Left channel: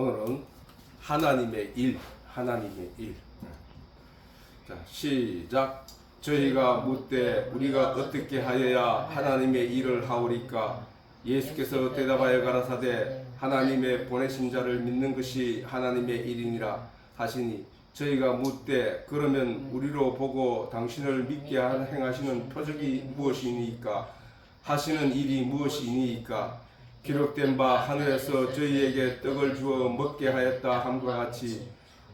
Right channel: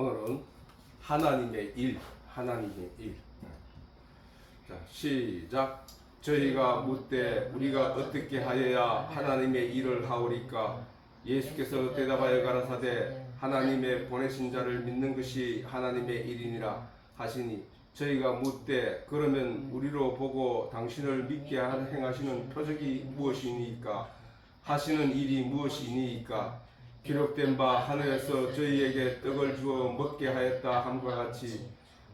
오늘은 하나님의 일. 자, 시작. 저희가 묻되 우리가 어떻게 하여야 하나님의 일을 하오리까? 예수께서 대답하여 가라사대 하나님의 보내신 자를 믿는 것이 하나님의 일이니라 하시니, 저희가 묻되 그러면 우리로 보고 당신을 믿게 행하시는 표적이 무엇이니까? 하시는 일이 무엇이니까? 기록된 바 하늘에서 저희에게 떡을 주어 먹게 하였다 함과 같이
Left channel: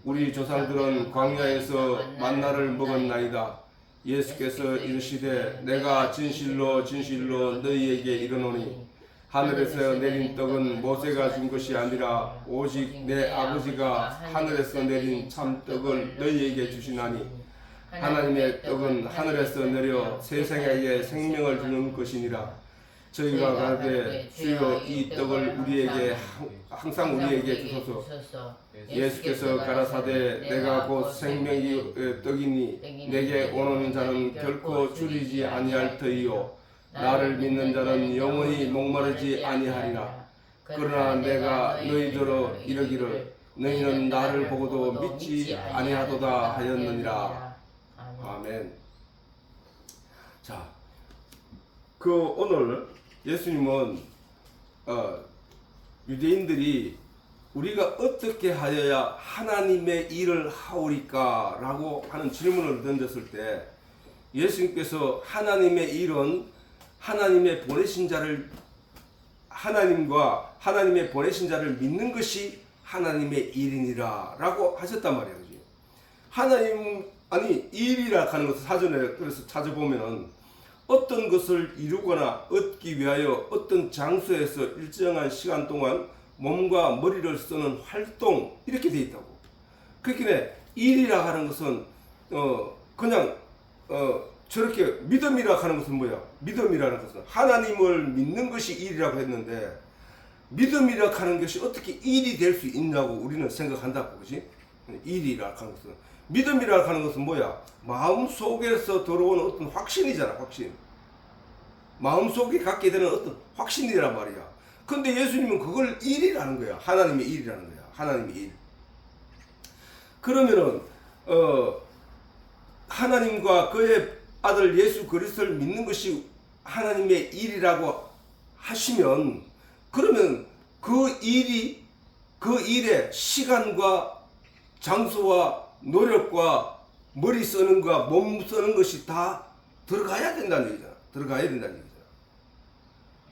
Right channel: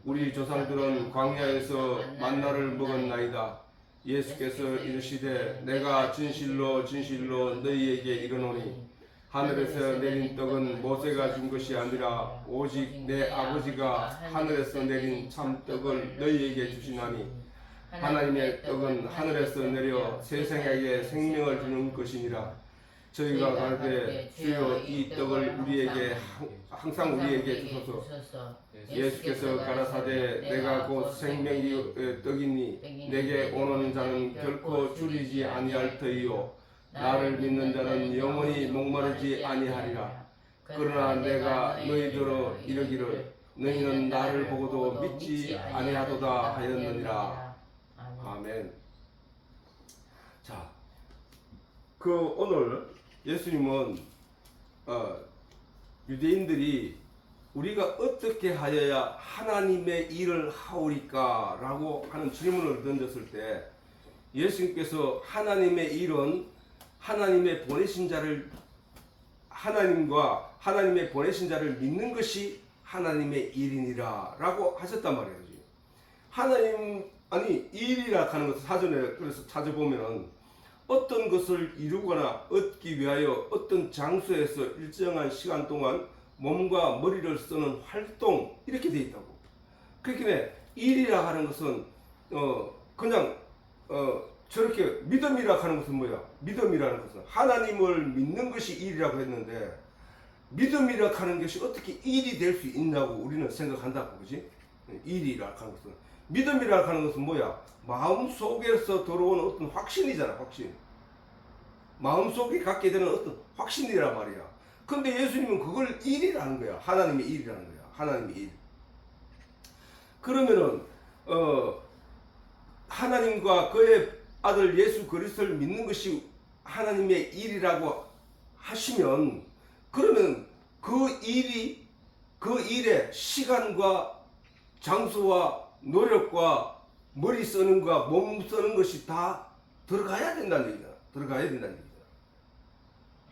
우리 조상들은 광야에서 만나를 먹었나이다. 예수께서 이르시되 내가 진실로 너희에게 이르노니 하늘에서 내린 떡은 모세가 준 것이 아니라 오직 내 아버지가 하늘에서 내린 참 떡을 너희에게 주시나니, 하나님의 떡은 하늘에서 내려 세상에게 생명을 주는 것이니라. 저희가 가되 주여 이 떡을 우리에게 항상 우리에게 주소서. 예수께서 가라사대 내가 곧 생명의 떡이니 내게 오는 자는 결코 줄이지 아니할 터이요 나를 믿는 자는 영원히 목마르지 아니하리라. 그러나 내가 너희더러 이르기를 너희는 나를 보고도 믿지 아니하도다 하였느니라. 아멘. 자, 오늘 예수님은 유대인들이 우리가 어떻게 하여야 하나님의 일을 하오리까? 라고 하는 질문을 던졌을 때 예수님께서 하나님의 일은 하나님의 보내신 자를 하나님과 하나님의 보내신 자를 믿는 것이 하나님의 일이니라 라고 하셨단 말이에요. 하나님 일이라 하는 것을 사전에 그래서 찾아보면은 어떤 것을 이루거나 얻기 위하여 어떤 장소에서 일정한 시간 동안 몸과 머리를 쓰는 활동, 이렇게 되어 있다고. 그렇게 일이라 하는 것은 그냥 저렇게 믿음이라 하는 것은 뭐야? 믿음이라는 것은 하나님을 믿는 것이 일이라고 했는데 믿음이라 하는 것이 어떻게 일이 될 수 있냐고 우리는 생각한다고. 그렇지? 일이라 하는 것은 믿음이라 하는 것은 뭐야? 마음 속에서 들어오는 어떤 확신이잖아. 확신. 마음 속에 갖게 되는 어떤 확신이란 말이야. 근데 예수님은 그걸 일이라는 거야. 하나님의 일이라는 거야. 하나님의 일. 그러면은 하나님과 그의 아들 예수 그리스도를 믿는 것이 하나님의 일이라고 하시면, 그러면 그 일의 시간과 장소와 노력과 머리 쓰는 것과 몸 쓰는 것이 다 들어가야 된다는 얘기야. 들어가야 된다는 얘기야.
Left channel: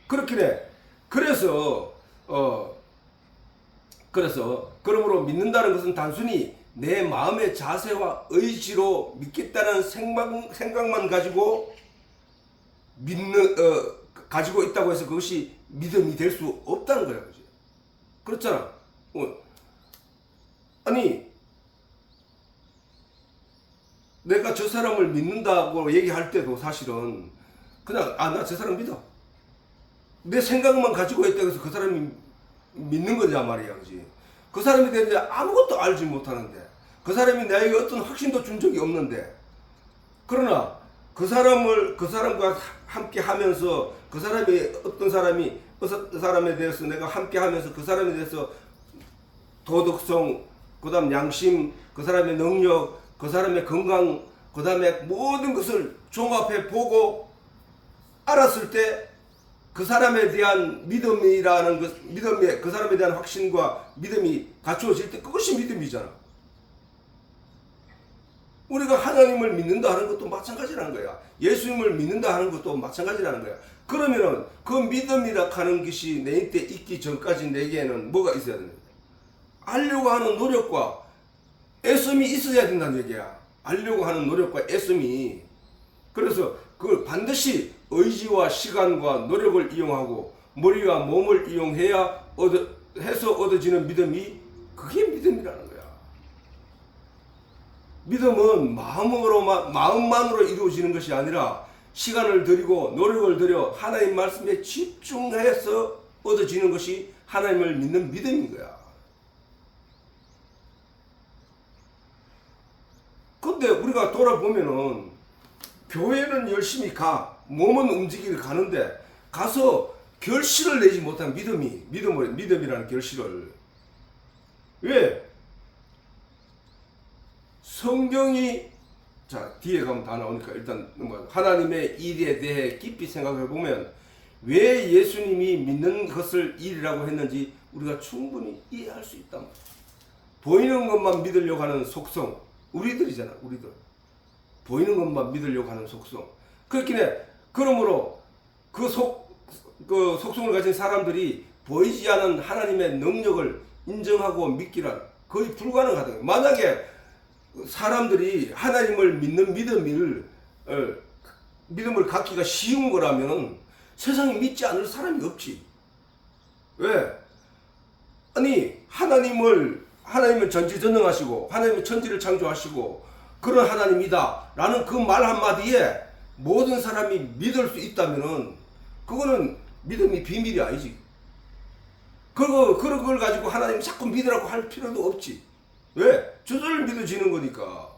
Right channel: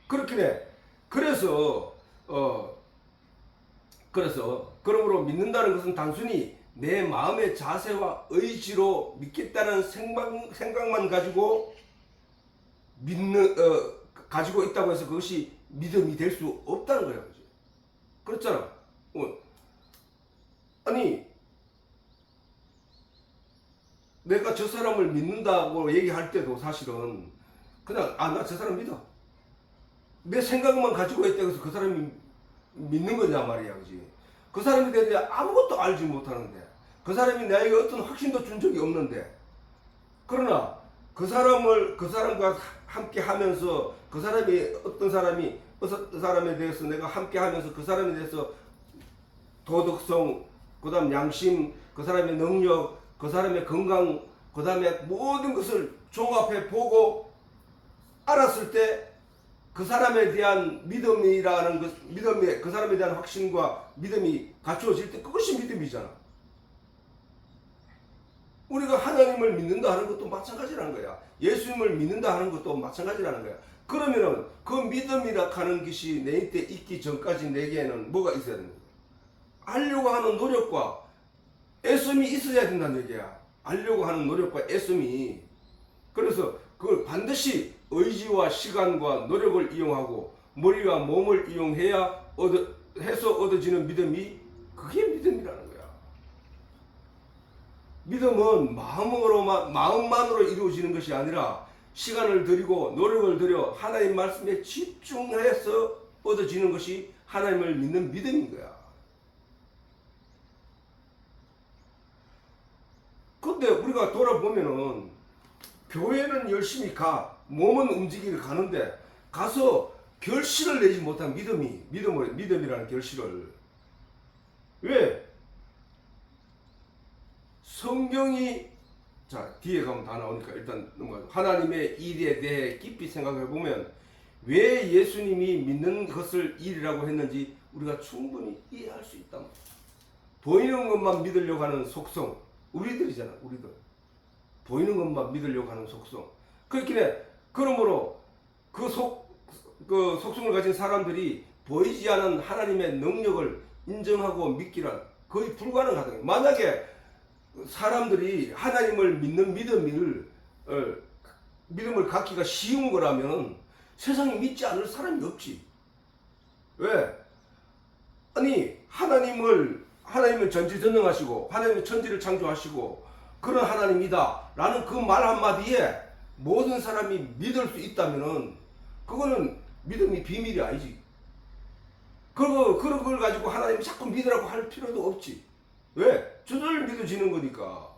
그렇게 그래서 그러므로 믿는다는 것은 단순히 내 마음의 자세와 의지로 믿겠다는 생각만 가지고 가지고 있다고 해서 그것이 믿음이 될 수 없다는 거야. 그렇지? 그렇잖아. 내가 저 사람을 믿는다고 얘기할 때도 사실은 그냥 나 저 사람 믿어. 내 생각만 가지고 있다고 해서 그 사람이 믿는 거냐 말이야. 그지? 그 사람에 대해 아무것도 알지 못하는데, 그 사람이 나에게 어떤 확신도 준 적이 없는데, 그러나 그 사람과 함께 하면서 그 사람에 대해서 내가 함께 하면서 그 사람에 대해서 도덕성, 그 다음 양심, 그 사람의 능력, 그 사람의 건강, 그 다음에 모든 것을 종합해 보고 알았을 때 그 사람에 대한 믿음이라는 것, 그 사람에 대한 확신과 믿음이 갖추어질 때 그것이 믿음이잖아. 우리가 하나님을 믿는다 하는 것도 마찬가지라는 거야. 예수님을 믿는다 하는 것도 마찬가지라는 거야. 그러면은 그 믿음이라 하는 것이 내 때 있기 전까지 내게는 뭐가 있어야 되는 거야? 알려고 하는 노력과 애씀이 있어야 된다는 얘기야. 알려고 하는 노력과 애씀이. 그래서 그걸 반드시 의지와 시간과 노력을 이용하고 머리와 몸을 이용해야 얻어지는 믿음이, 그게 믿음이라는 거야. 믿음은 마음만으로 이루어지는 것이 아니라 시간을 들이고 노력을 들여 하나님 말씀에 집중해서 얻어지는 것이 하나님을 믿는 믿음인 거야. 근데 우리가 돌아보면은 교회는 열심히 몸은 움직이러 가는데 가서 결실을 내지 못한 믿음이라는 결실을 왜? 성경이 자 뒤에 가면 다 나오니까 일단 하나님의 일에 대해 깊이 생각해 보면 왜 예수님이 믿는 것을 일이라고 했는지 우리가 충분히 이해할 수 있단 말이야. 보이는 것만 믿으려고 하는 속성, 우리들이잖아. 우리들 보이는 것만 믿으려고 하는 속성. 그렇긴 해. 그러므로 그 속성을 가진 사람들이 보이지 않은 하나님의 능력을 인정하고 믿기란 거의 불가능하다. 만약에 사람들이 하나님을 믿는 믿음을 갖기가 쉬운 거라면 세상에 믿지 않을 사람이 없지. 왜? 아니 하나님은 전지전능하시고 하나님은 천지를 창조하시고 그런 하나님이다 라는 그 말 한마디에 모든 사람이 믿을 수 있다면은 그거는 믿음이 비밀이 아니지. 그런 걸 가지고 하나님 자꾸 믿으라고 할 필요도 없지. 왜? 저절로 믿어지는 거니까.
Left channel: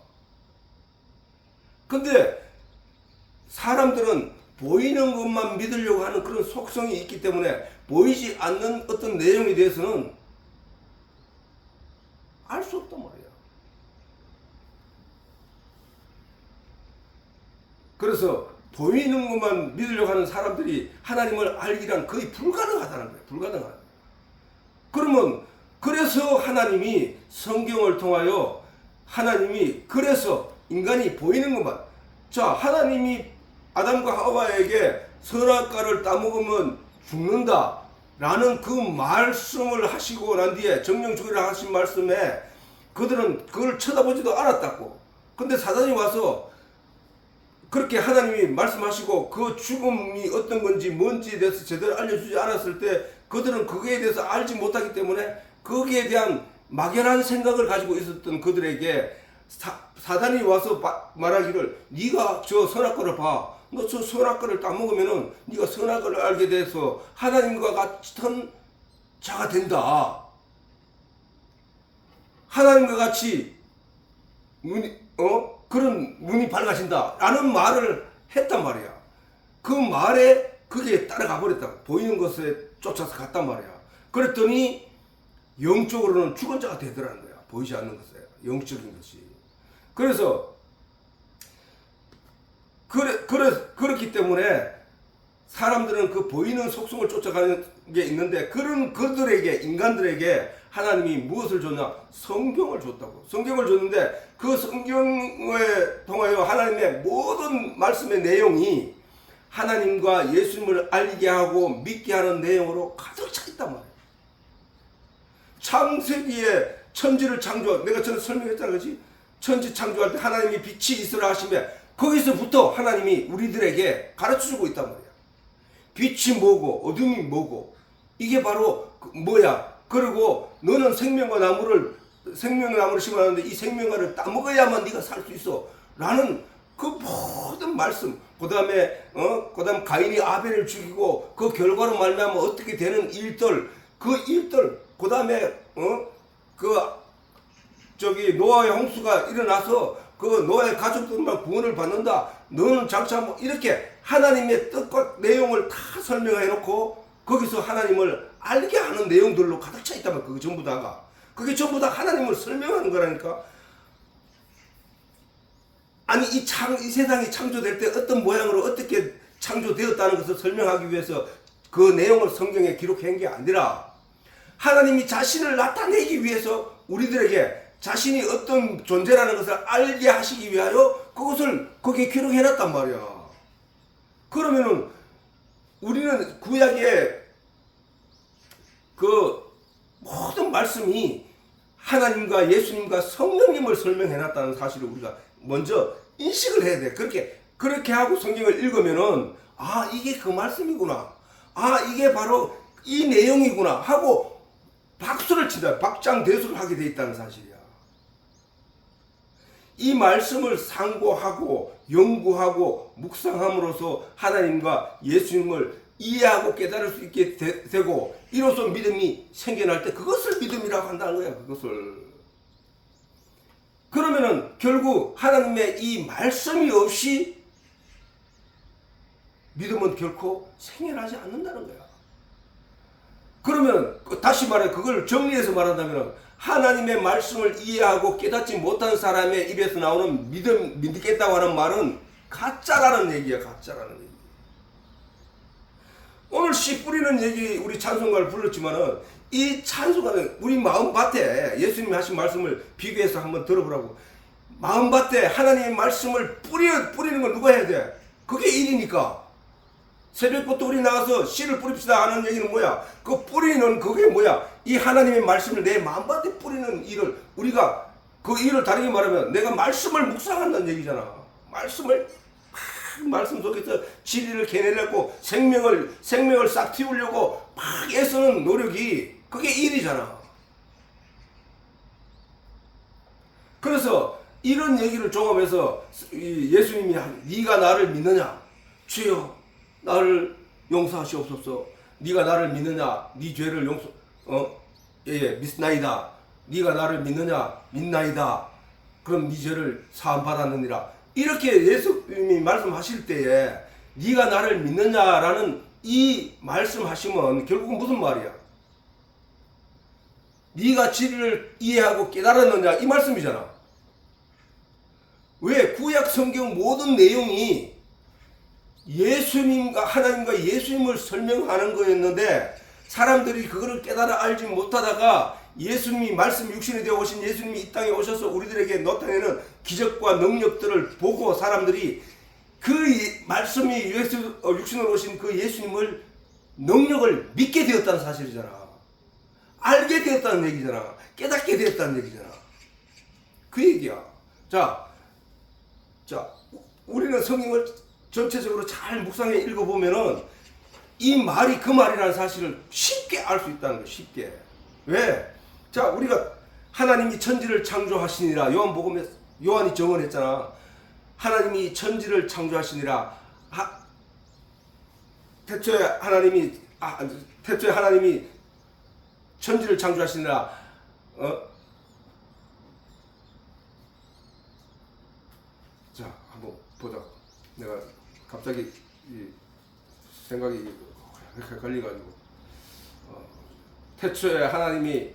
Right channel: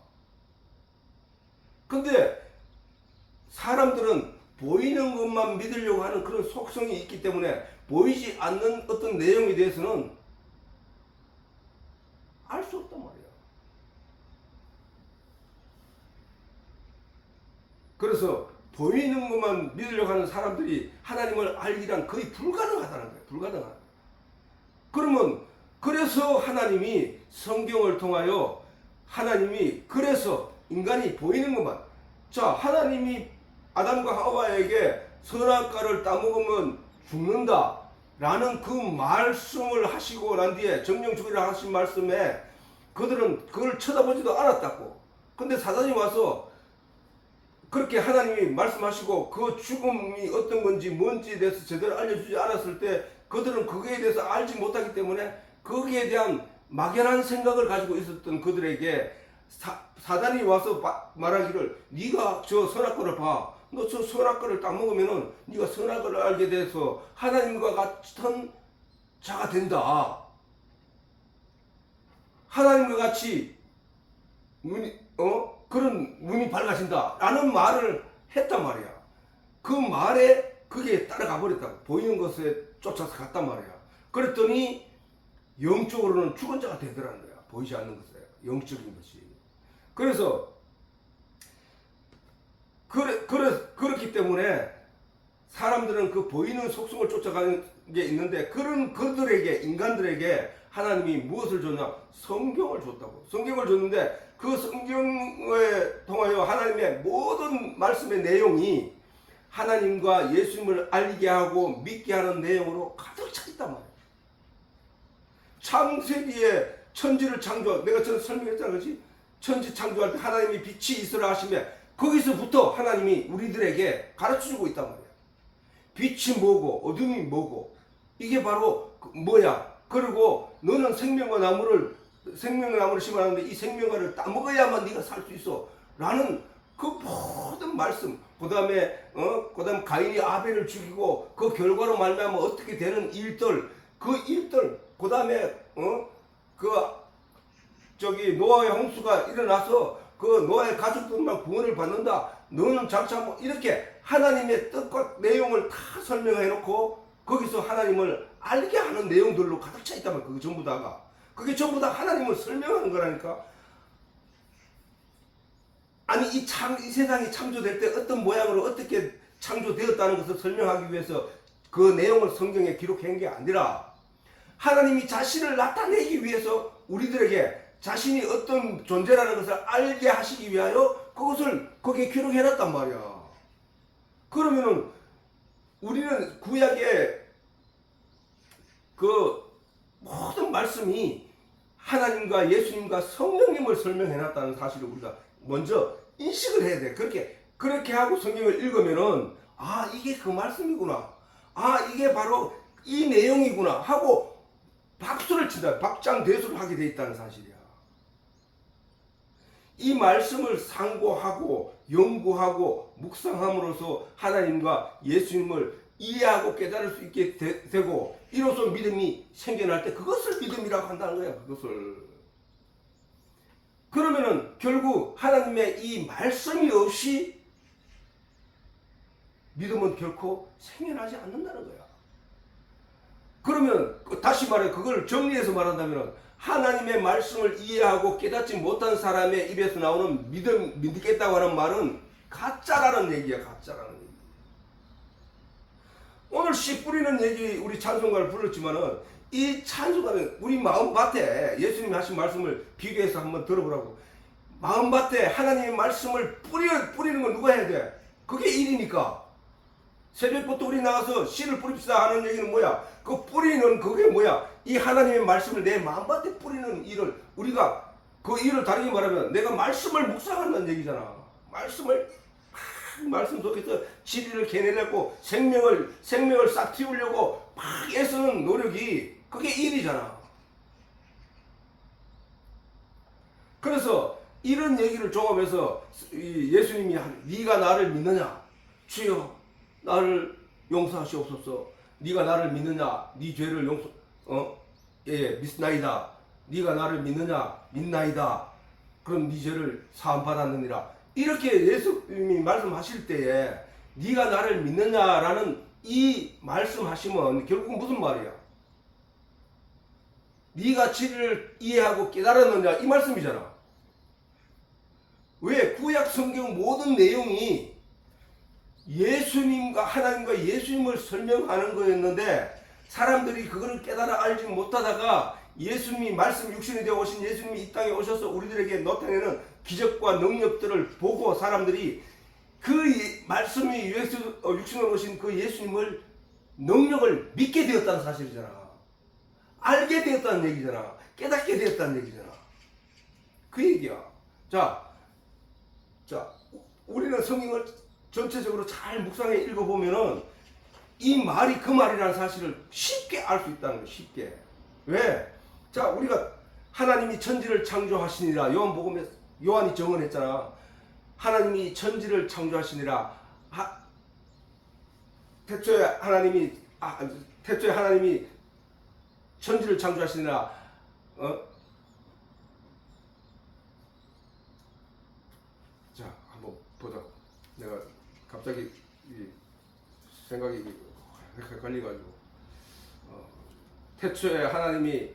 근데 사람들은 보이는 것만 믿으려고 하는 그런 속성이 있기 때문에 보이지 않는 어떤 내용에 대해서는 알 수 없단 말이야. 그래서 보이는 것만 믿으려고 하는 사람들이 하나님을 알기란 거의 불가능하다는 거예요. 불가능하다. 그러면 그래서 하나님이 성경을 통하여 하나님이 그래서 인간이 보이는 것만 자 하나님이 아담과 하와에게 선악과를 따먹으면 죽는다 라는 그 말씀을 하시고 난 뒤에 정령 죽이라 하신 말씀에 그들은 그걸 쳐다보지도 않았다고. 근데 사단이 와서 그렇게 하나님이 말씀하시고 그 죽음이 어떤 건지 뭔지에 대해서 제대로 알려주지 않았을 때 그들은 그거에 대해서 알지 못하기 때문에 거기에 대한 막연한 생각을 가지고 있었던 그들에게 사단이 와서 말하기를 네가 저 선악과를 봐. 너 저 선악과를 따먹으면은 네가 선악을 알게 돼서 하나님과 같은 자가 된다. 하나님과 같이 그런 눈이 밝아진다. 라는 말을 했단 말이야. 그 말에 그게 따라가 버렸다고. 보이는 것에 쫓아서 갔단 말이야. 그랬더니 영적으로는 죽은 자가 되더라는 거야. 보이지 않는 것에. 영적인 것이. 그래서 그렇기 때문에 사람들은 그 보이는 속성을 쫓아가는 게 있는데 그런 그들에게 인간들에게 하나님이 무엇을 줬냐? 성경을 줬다고. 성경을 줬는데 그 성경에 통하여 하나님의 모든 말씀의 내용이 하나님과 예수님을 알게 하고 믿게 하는 내용으로 가득 차 있단 말이에요. 창세기에 천지를 내가 전에 설명했잖아, 그렇지? 천지 창조할 때 하나님이 빛이 있으라 하시며 거기서부터 하나님이 우리들에게 가르쳐주고 있단 말이야. 빛이 뭐고 어둠이 뭐고 이게 바로 뭐야. 그리고 너는 생명의 나무를 심어놨는데 이 생명과를 따먹어야만 네가 살 수 있어 라는 그 모든 말씀. 그 다음에 가인이 아벨을 죽이고 그 결과로 말미암아 어떻게 되는 일들 그 다음에 노아의 홍수가 일어나서 그 노아의 가족들만 구원을 받는다. 너는 장차 이렇게 하나님의 뜻과 내용을 다 설명해 놓고 거기서 하나님을 알게 하는 내용들로 가득 차 있다면 그게 전부 다가. 그게 전부 다 하나님을 설명하는 거라니까. 아니 이 세상이 창조될 때 어떤 모양으로 어떻게 창조되었다는 것을 설명하기 위해서 그 내용을 성경에 기록한 게 아니라 하나님이 자신을 나타내기 위해서 우리들에게 자신이 어떤 존재라는 것을 알게 하시기 위하여 그것을 거기에 기록해놨단 말이야. 그러면은 우리는 구약의 그 모든 말씀이 하나님과 예수님과 성령님을 설명해놨다는 사실을 우리가 먼저 인식을 해야 돼. 그렇게 하고 성경을 읽으면은 아 이게 그 말씀이구나. 아 이게 바로 이 내용이구나 하고 박수를 친다. 박장대소를 하게 돼 있다는 사실이야. 이 말씀을 상고하고 연구하고 묵상함으로써 하나님과 예수님을 이해하고 깨달을 수 있게 되고 이로써 믿음이 생겨날 때 그것을 믿음이라고 한다는 거야. 그것을. 그러면은 결국 하나님의 이 말씀이 없이 믿음은 결코 생겨나지 않는다는 거야. 그러면 다시 말해 그걸 정리해서 말한다면 하나님의 말씀을 이해하고 깨닫지 못한 사람의 입에서 나오는 믿겠다고 하는 말은 가짜라는 얘기야. 가짜라는 얘기. 오늘 씨 뿌리는 얘기 우리 찬송가를 불렀지만은 이 찬송가는 우리 마음밭에 예수님이 하신 말씀을 비교해서 한번 들어보라고. 마음밭에 하나님의 말씀을 뿌리는 건 누가 해야 돼? 그게 일이니까. 새벽부터 우리 나가서 씨를 뿌립시다 하는 얘기는 뭐야? 그 뿌리는 그게 뭐야? 이 하나님의 말씀을 내 마음밭에 뿌리는 일을 우리가 그 일을 다르게 말하면 내가 말씀을 묵상한다는 얘기잖아. 말씀 속에서 진리를 개내려고 생명을 싹 틔우려고 막 애쓰는 노력이 그게 일이잖아. 그래서 이런 얘기를 종합해서 예수님이 네가 나를 믿느냐? 주여 나를 용서하시옵소서. 네가 나를 믿느냐? 네 죄를 믿나이다. 네가 나를 믿느냐? 믿나이다. 그럼 네 죄를 사함 받았느니라. 이렇게 예수님이 말씀하실 때에 네가 나를 믿느냐라는 이 말씀하시면 결국 무슨 말이야? 네가 진리를 이해하고 깨달았느냐 이 말씀이잖아. 왜? 구약 성경 모든 내용이 예수님과 하나님과 예수님을 설명하는 거였는데 사람들이 그거를 깨달아 알지 못하다가 예수님이 말씀 육신이 되어 오신 예수님이 이 땅에 오셔서 우리들에게 나타내는 기적과 능력들을 보고 사람들이 그 말씀이 육신으로 오신 그 예수님을 능력을 믿게 되었다는 사실이잖아. 알게 되었다는 얘기잖아. 깨닫게 되었다는 얘기잖아. 그 얘기야. 자, 우리는 성경을 전체적으로 잘 묵상해 읽어보면은 이 말이 그 말이라는 사실을 쉽게 알 수 있다는 거예요. 쉽게. 왜? 자, 우리가 하나님이 천지를 창조하시니라. 요한이 정언했잖아. 하나님이 천지를 창조하시니라. 태초에 하나님이 천지를 창조하시니라. 자, 한번 보자. 내가 갑자기 생각이 걸려가지고 태초에 하나님이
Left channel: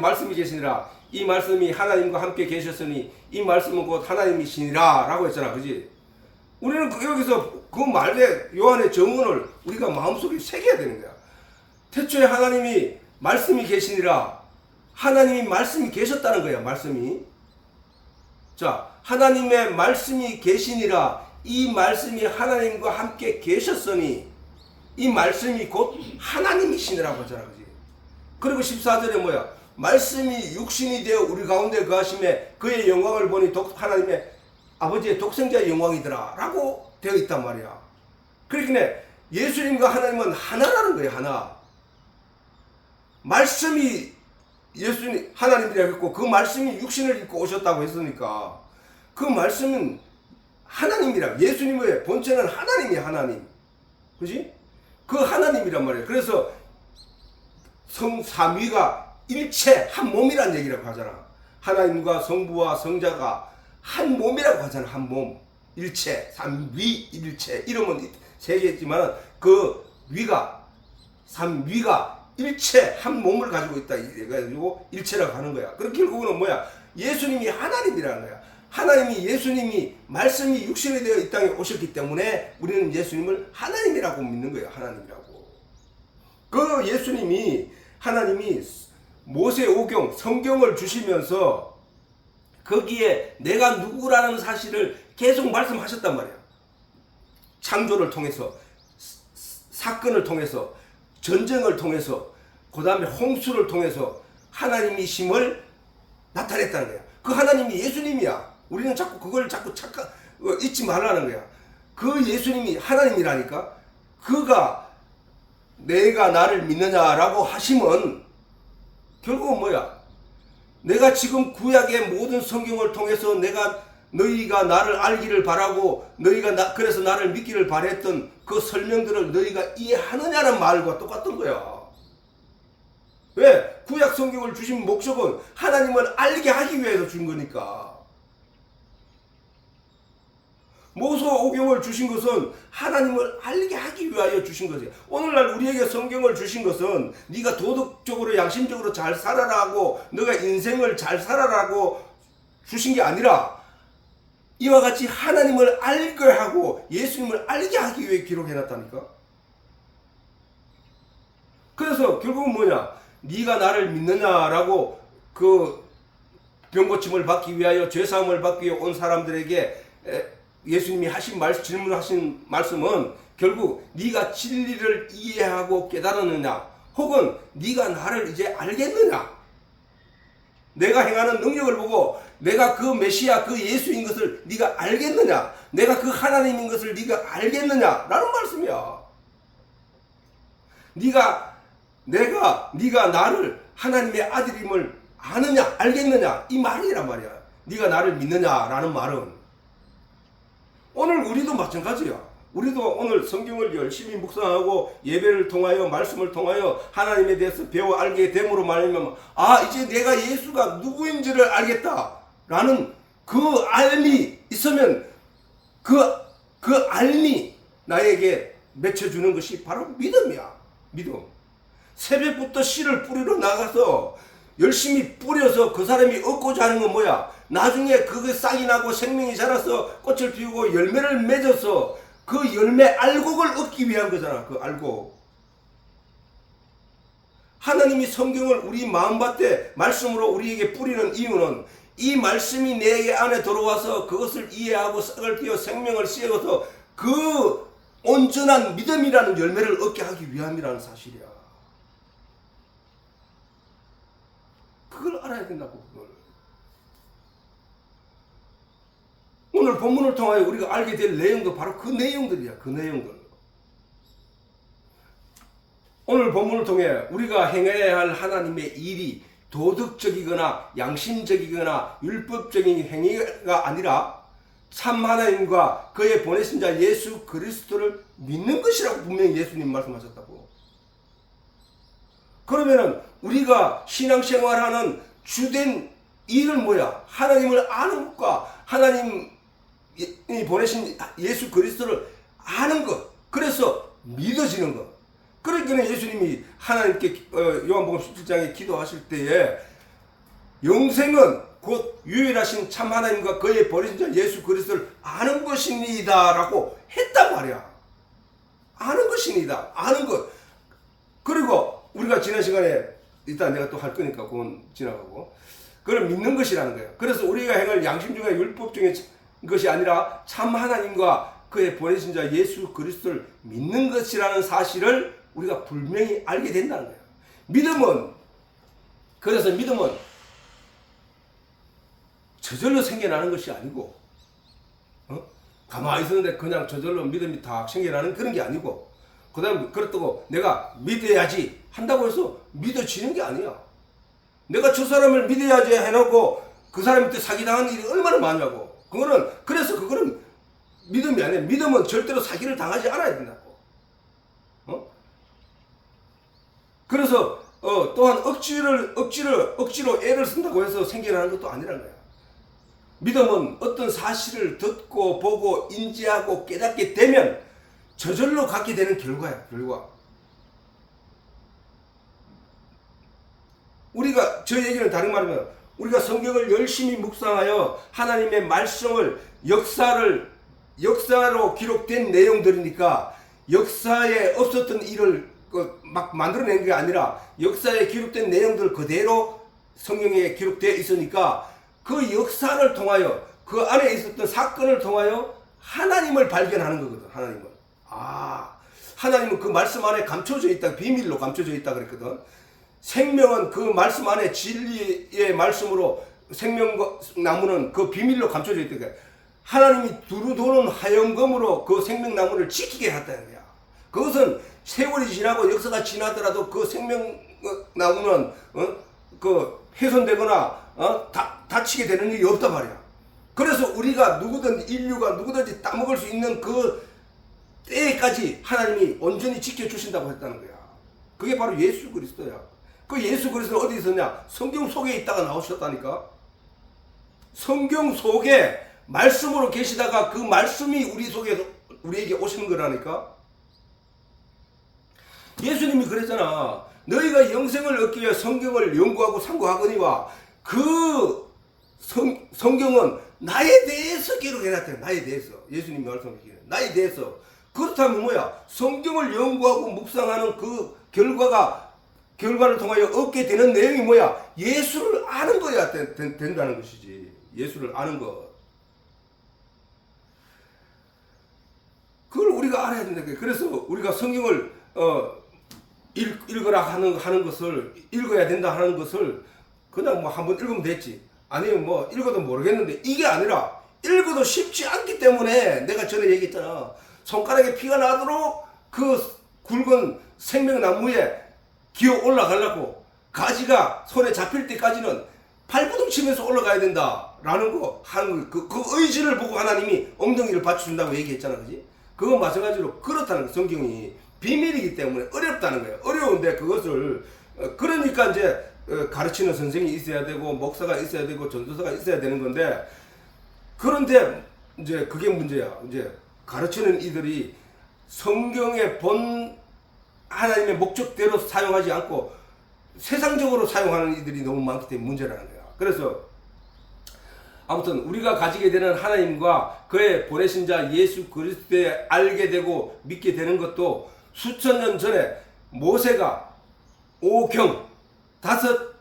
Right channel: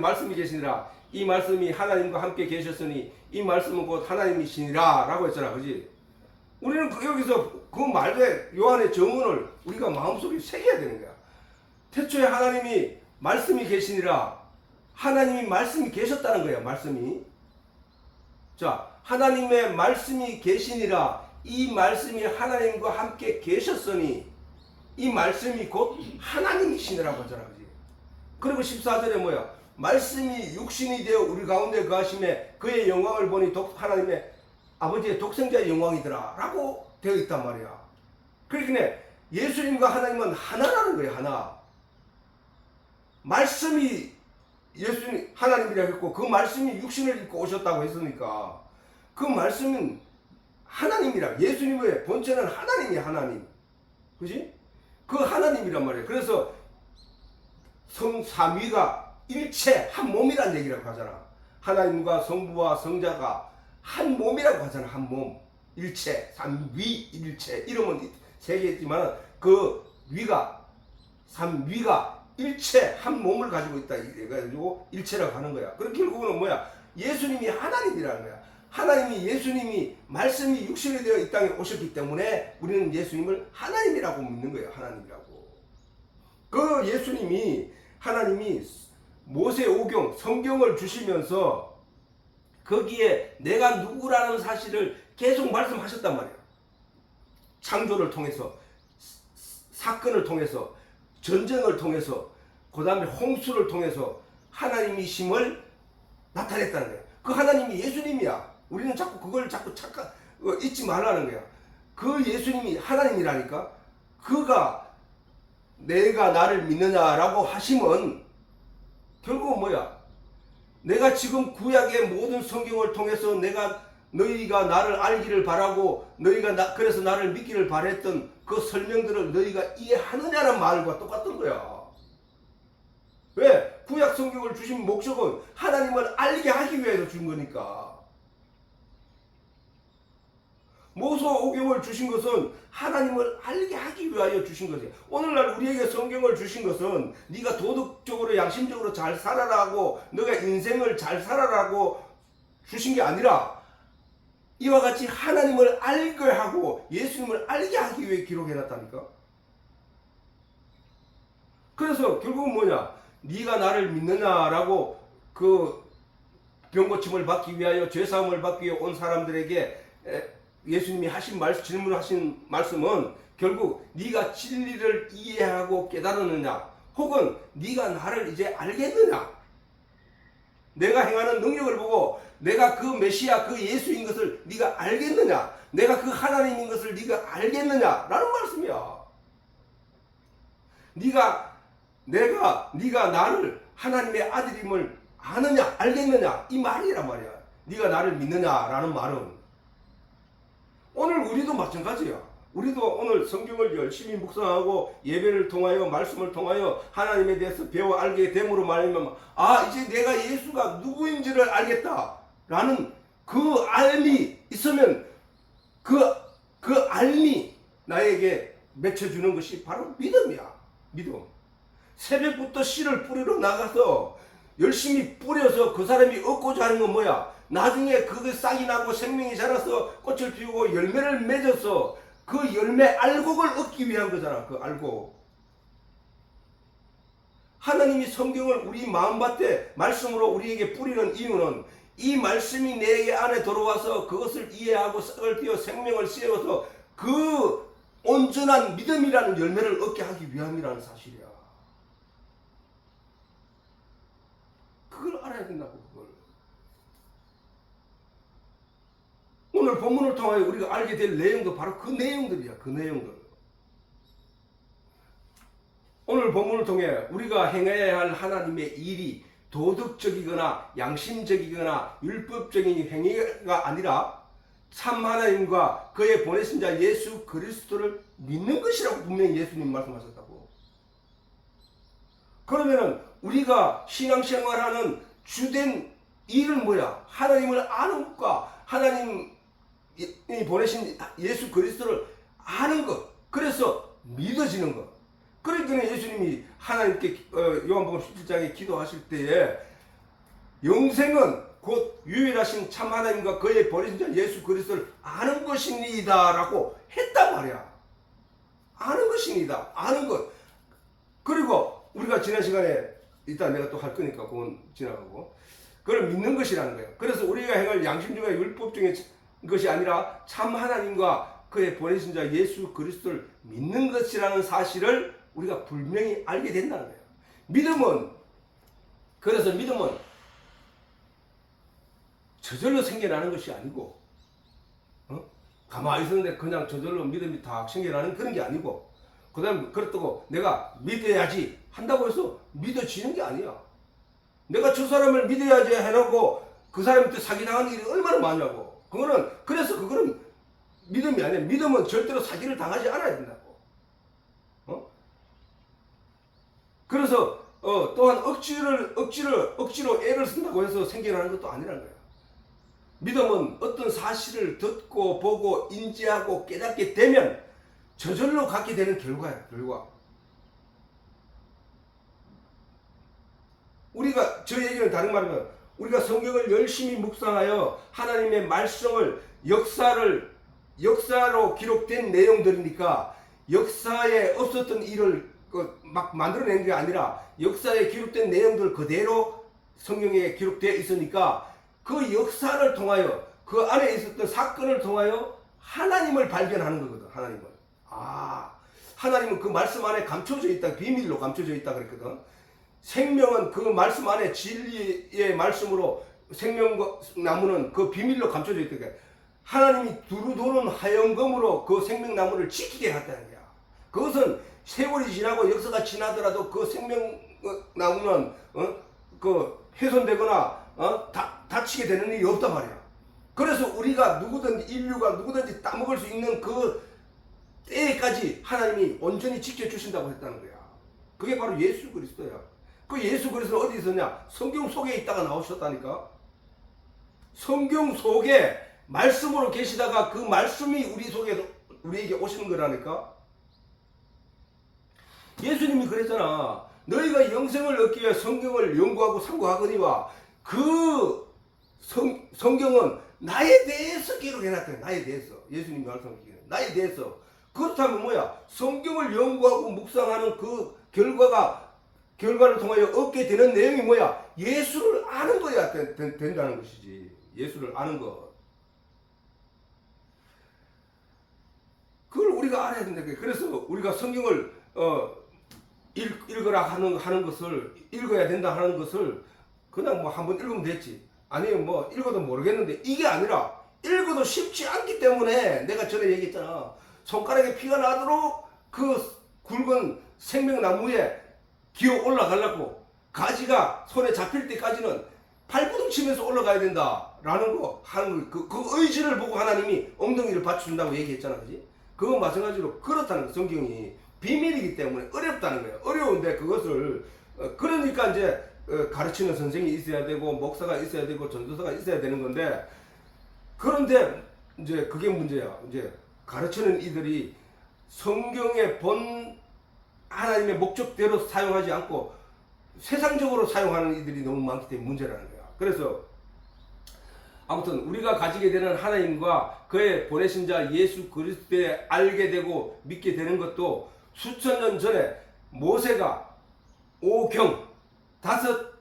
말씀이 계시니라. 이 말씀이 하나님과 함께 계셨으니 이 말씀은 곧 하나님이시니라 라고 했잖아. 그지? 우리는 여기서 그 말에 요한의 정언을 우리가 마음속에 새겨야 되는 거야. 태초에 하나님이 말씀이 계시니라. 하나님이 말씀이 계셨다는 거야. 말씀이. 자, 하나님의 말씀이 계시니라. 이 말씀이 하나님과 함께 계셨으니 이 말씀이 곧 하나님이시니라고 하잖아. 그지? 그리고 14절에 뭐야? 말씀이 육신이 되어 우리 가운데 거하심에 그의 영광을 보니 하나님의 아버지의 독생자의 영광이더라 라고 되어 있단 말이야. 그러니까 예수님과 하나님은 하나라는 거예요. 하나. 말씀이 예수님 하나님이라고 했고 그 말씀이 육신을 입고 오셨다고 했으니까 그 말씀은 하나님이라. 예수님의 본체는 하나님이야. 하나님. 그지? 그 하나님이란 말이에요. 그래서 성삼위가 일체 한 몸이란 얘기라고 하잖아. 하나님과 성부와 성자가 한 몸이라고 하잖아. 한 몸. 일체, 삼위, 일체. 이름은 세 개지만 그 위가 삼위가 일체 한 몸을 가지고 있다. 이래가지고 일체라고 하는 거야. 그럼 결국은 뭐야? 예수님이 하나님이라는 거야. 예수님이 말씀이 육신이 되어 이 땅에 오셨기 때문에 우리는 예수님을 하나님이라고 믿는 거예요. 하나님이라고. 그 하나님이 모세오경 성경을 주시면서 거기에 내가 누구라는 사실을 계속 말씀하셨단 말이에요. 창조를 통해서, 사건을 통해서, 전쟁을 통해서, 그 다음에 홍수를 통해서 하나님이심을 나타냈다는 거예요. 그 하나님이 예수님이야. 우리는 그걸 자꾸 잊지 말라는 거야. 그 예수님이 하나님이라니까. 그가 내가 나를 믿느냐라고 하시면 결국은 뭐야? 내가 지금 구약의 모든 성경을 통해서 너희가 나를 알기를 바라고 그래서 나를 믿기를 바랬던 그 설명들을 너희가 이해하느냐는 말과 똑같은 거야. 왜? 구약 성경을 주신 목적은 하나님을 알게 하기 위해서 준 거니까. 모세오경을 주신 것은 하나님을 알게 하기 위하여 주신 거지. 오늘날 우리에게 성경을 주신 것은 네가 도덕적으로 양심적으로 잘 살아라고, 너가 인생을 잘 살아라고 주신 게 아니라 이와 같이 하나님을 알게 하고 예수님을 알게 하기 위해 기록해놨다니까. 그래서 결국은 뭐냐, 네가 나를 믿느냐라고 그 병고침을 받기 위하여, 죄사함을 받기 위해 온 사람들에게 예수님이 하신 질문하신 말씀은 결국 네가 진리를 이해하고 깨달았느냐, 혹은 네가 나를 이제 알겠느냐, 내가 행하는 능력을 보고 내가 그 메시아, 그 예수인 것을 네가 알겠느냐, 내가 그 하나님인 것을 네가 알겠느냐라는 말씀이야. 네가 나를 하나님의 아들임을 아느냐, 알겠느냐, 이 말이란 말이야. 네가 나를 믿느냐라는 말은. 오늘 우리도 마찬가지야. 우리도 오늘 성경을 열심히 묵상하고 예배를 통하여, 말씀을 통하여 하나님에 대해서 배워 알게 됨으로 말하면, 이제 내가 예수가 누구인지를 알겠다라는 그 알미 있으면 그 알미 나에게 맺혀주는 것이 바로 믿음이야. 믿음. 새벽부터 씨를 뿌리러 나가서 열심히 뿌려서 그 사람이 얻고자 하는 건 뭐야? 나중에 그게 싹이 나고 생명이 자라서 꽃을 피우고 열매를 맺어서 그 열매 알곡을 얻기 위한 거잖아. 그 알곡. 하나님이 성경을 우리 마음밭에 말씀으로 우리에게 뿌리는 이유는 이 말씀이 내 안에 들어와서 그것을 이해하고 싹을 틔워 생명을 씌워서 그 온전한 믿음이라는 열매를 얻게 하기 위함이라는 사실이야. 그걸 알아야 된다고. 그걸. 오늘 본문을 통하여 우리가 알게 될 내용도 바로 그 내용들이야. 그 내용들. 오늘 본문을 통해 우리가 행해야 할 하나님의 일이 도덕적이거나 양심적이거나 율법적인 행위가 아니라 참 하나님과 그의 보내신 자 예수 그리스도를 믿는 것이라고 분명히 예수님 말씀하셨다고. 그러면은 우리가 신앙생활하는 주된 일은 뭐야? 하나님을 아는 것과 하나님이 보내신 예수 그리스도를 아는 것. 그래서 믿어지는 것. 그러니까 예수님이 하나님께 요한복음 17장에 기도하실 때에 영생은 곧 유일하신 참 하나님과 그의 보내신 자 예수 그리스도를 아는 것입니다 라고 했단 말이야. 아는 것입니다. 아는 것. 그리고 우리가 지난 시간에 일단 내가 또 할 거니까 그건 지나가고, 그걸 믿는 것이라는 거예요. 그래서 우리가 행할 양심 중에 율법적인 것이 아니라 참 하나님과 그의 보내신 자 예수 그리스도를 믿는 것이라는 사실을 우리가 분명히 알게 된다는 거예요. 그래서 믿음은 저절로 생겨나는 것이 아니고, 가만히 있었는데 그냥 저절로 믿음이 다 생겨나는 그런 게 아니고, 그 다음 그렇다고 내가 믿어야지 한다고 해서 믿어지는 게 아니야. 내가 저 사람을 믿어야지 해놓고 그 사람한테 사기당하는 일이 얼마나 많냐고. 그래서 그거는 믿음이 아니야. 믿음은 절대로 사기를 당하지 않아야 된다고. 그래서 또한 억지로 애를 쓴다고 해서 생겨나는 것도 아니라는 거야. 믿음은 어떤 사실을 듣고 보고 인지하고 깨닫게 되면 저절로 갖게 되는 결과야. 결과. 우리가 저 얘기는 다른 말이면 우리가 성경을 열심히 묵상하여 하나님의 말씀을 역사로 기록된 내용들이니까 역사에 없었던 일을 막 만들어낸 게 아니라 역사에 기록된 내용들 그대로 성경에 기록되어 있으니까 그 역사를 통하여 그 안에 있었던 사건을 통하여 하나님을 발견하는 거거든. 하나님은 그 말씀 안에 감춰져 있다. 비밀로 감춰져 있다 그랬거든. 생명은 그 말씀 안에 진리의 말씀으로 생명나무는 그 비밀로 감춰져 있다. 하나님이 두루 도는 하얀검으로 그 생명나무를 지키게 했다는 거야. 그것은 세월이 지나고 역사가 지나더라도 그 생명나무는 그 훼손되거나 다치게 되는 일이 없단 말이야. 그래서 우리가 인류가 누구든지 따먹을 수 있는 그 때까지 하나님이 온전히 지켜주신다고 했다는 거야. 그게 바로 예수 그리스도야. 그 예수 그리스도는 어디 있었냐? 성경 속에 있다가 나오셨다니까. 성경 속에 말씀으로 계시다가 그 말씀이 우리에게 오시는 거라니까. 예수님이 그랬잖아. 너희가 영생을 얻기 위해 성경을 연구하고 상고하거니와 그 성경은 나에 대해서 기록해놨대. 나에 대해서. 예수님이 말씀하시기를 나에 대해서. 그렇다면 뭐야? 성경을 연구하고 묵상하는 그 결과를 통하여 얻게 되는 내용이 뭐야? 예수를 아는 거야 된다는 것이지. 예수를 아는 것. 그걸 우리가 알아야 된다. 그래서 우리가 성경을 읽으라 하는 것을, 읽어야 된다 하는 것을 그냥 뭐 한번 읽으면 됐지. 아니면 뭐 읽어도 모르겠는데, 이게 아니라 읽어도 쉽지 않기 때문에 내가 전에 얘기했잖아. 손가락에 피가 나도록 그 굵은 생명나무에 기어 올라가려고 가지가 손에 잡힐 때까지는 발버둥 치면서 올라가야 된다라는 거 하는 거. 그 의지를 보고 하나님이 엉덩이를 받쳐준다고 얘기했잖아. 그지? 그거 마찬가지로 그렇다는 거. 성경이 비밀이기 때문에 어렵다는 거예요. 어려운데 그것을 그러니까 이제 가르치는 선생이 있어야 되고 목사가 있어야 되고 전도사가 있어야 되는 건데, 그런데 이제 그게 문제야. 이제 가르치는 이들이 성경의 본 하나님의 목적대로 사용하지 않고 세상적으로 사용하는 이들이 너무 많기 때문에 문제라는 거야. 그래서 아무튼 우리가 가지게 되는 하나님과 그의 보내신 자 예수 그리스도에 알게 되고 믿게 되는 것도 수천 년 전에 모세가 오경 다섯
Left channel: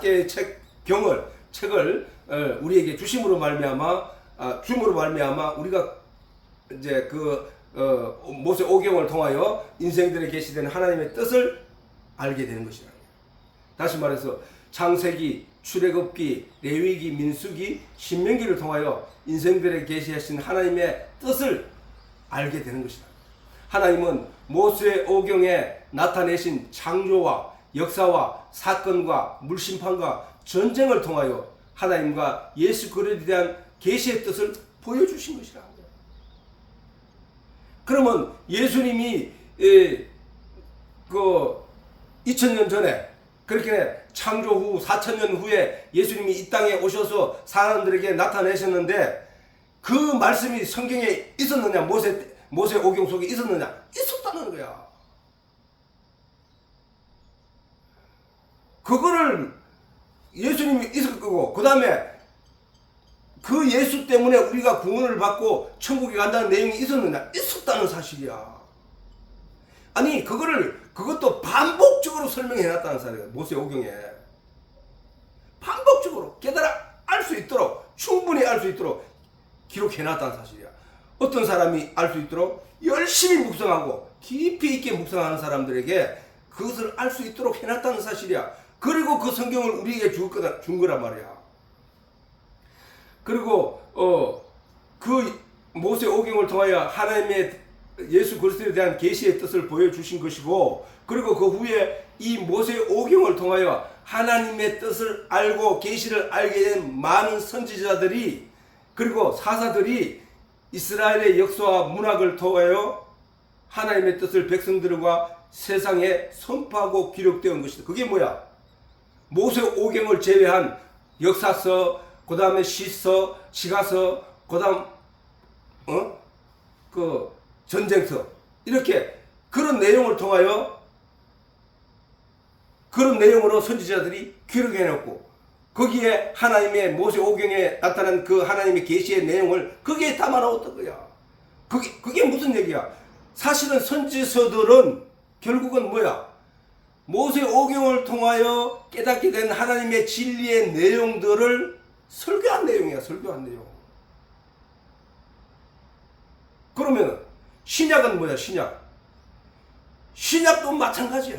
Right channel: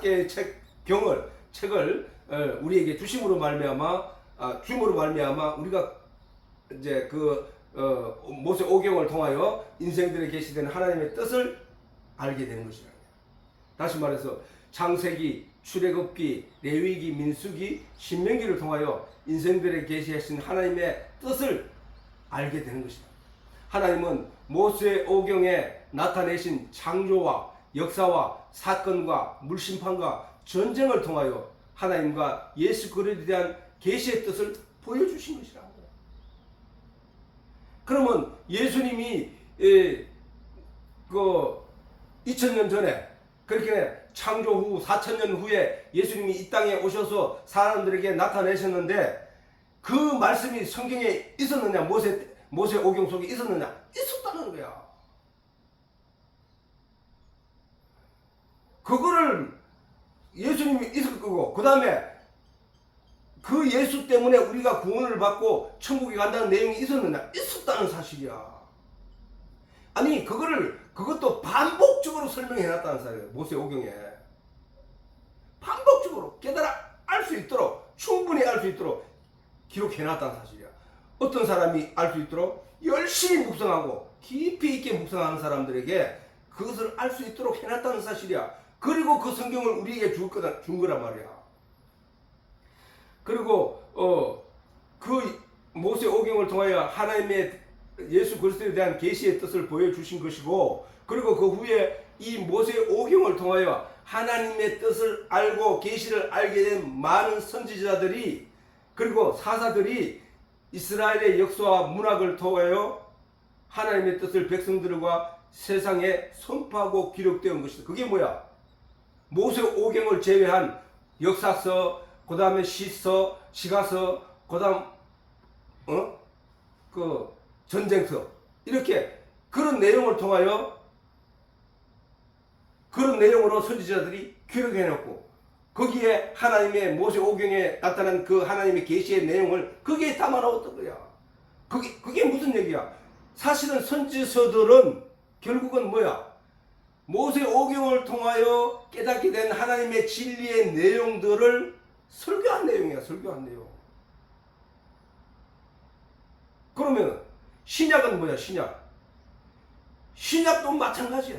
개의 책을 우리에게 주심으로 말미암아 우리가 이제 모세 오경을 통하여 인생들에 계시되는 하나님의 뜻을 알게 되는 것이라. 다시 말해서 창세기, 출애굽기, 레위기, 민수기, 신명기를 통하여 인생들에 계시하신 하나님의 뜻을 알게 되는 것이다. 하나님은 모세 오경에 나타내신 창조와 역사와 사건과 물심판과 전쟁을 통하여 하나님과 예수 그리스도에 대한 계시의 뜻을 보여주신 것이라. 그러면 예수님이 2000년 전에 그렇게 창조 후 4000년 후에 예수님이 이 땅에 오셔서 사람들에게 나타내셨는데, 그 말씀이 성경에 있었느냐? 모세 오경 속에 있었느냐? 있었다는 거야. 그거를 예수님이 있을 거고, 그 다음에 그 예수 때문에 우리가 구원을 받고 천국에 간다는 내용이 있었느냐? 있었다는 사실이야. 아니 그것도 반복적으로 설명해 놨다는 사실이에요. 모세 오경에 반복적으로 깨달아 알 수 있도록, 충분히 알 수 있도록 기록해 놨다는 사실이야. 어떤 사람이 알 수 있도록 열심히 묵상하고 깊이 있게 묵상하는 사람들에게 그것을 알 수 있도록 해놨다는 사실이야. 그리고 그 성경을 우리에게 준 거란 말이야. 그리고 그 모세 오경을 통하여 하나님의 예수 그리스도에 대한 계시의 뜻을 보여주신 것이고, 그리고 그 후에 이 모세 오경을 통하여 하나님의 뜻을 알고 계시를 알게 된 많은 선지자들이, 그리고 사사들이 이스라엘의 역사와 문학을 통하여 하나님의 뜻을 백성들과 세상에 선포하고 기록되어 온 것이다. 그게 뭐야? 모세 오경을 제외한 역사서, 그 다음에 시서, 시가서, 그 다음 전쟁서, 이렇게 그런 내용을 통하여, 그런 내용으로 선지자들이 기록해놓고 거기에 하나님의 모세 오경에 나타난 그 하나님의 계시의 내용을 거기에 담아놓았던 거야. 그게 무슨 얘기야? 사실은 선지서들은 결국은 뭐야? 모세 오경을 통하여 깨닫게 된 하나님의 진리의 내용들을 설교한 내용이야. 설교한 내용. 그러면 신약은 뭐야? 신약도 마찬가지야.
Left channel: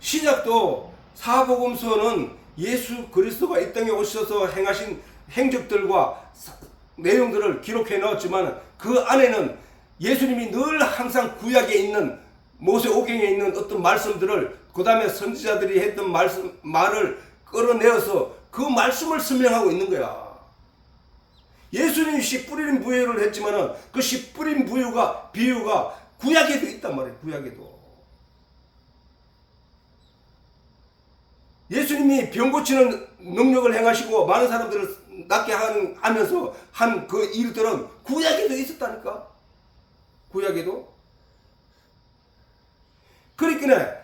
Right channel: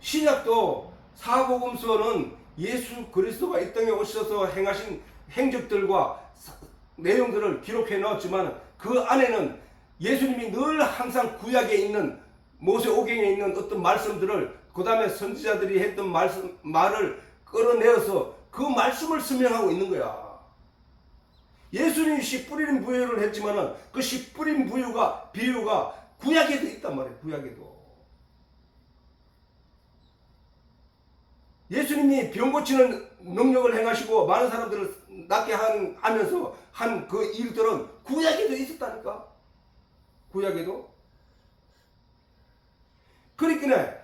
신약도 사복음서는 예수 그리스도가 이 땅에 오셔서 행하신 행적들과 내용들을 기록해 넣었지만, 그 안에는 예수님이 늘 항상 구약에 있는 모세 오경에 있는 어떤 말씀들을, 그 다음에 선지자들이 했던 말을 끌어내어서 그 말씀을 설명하고 있는 거야. 예수님이 씨 뿌린 부유를 했지만은 그 씨 뿌린 비유가 구약에도 있단 말이에요. 구약에도. 예수님이 병 고치는 능력을 행하시고 많은 사람들을 낫게 하면서 한 그 일들은 구약에도 있었다니까. 구약에도. 그러니까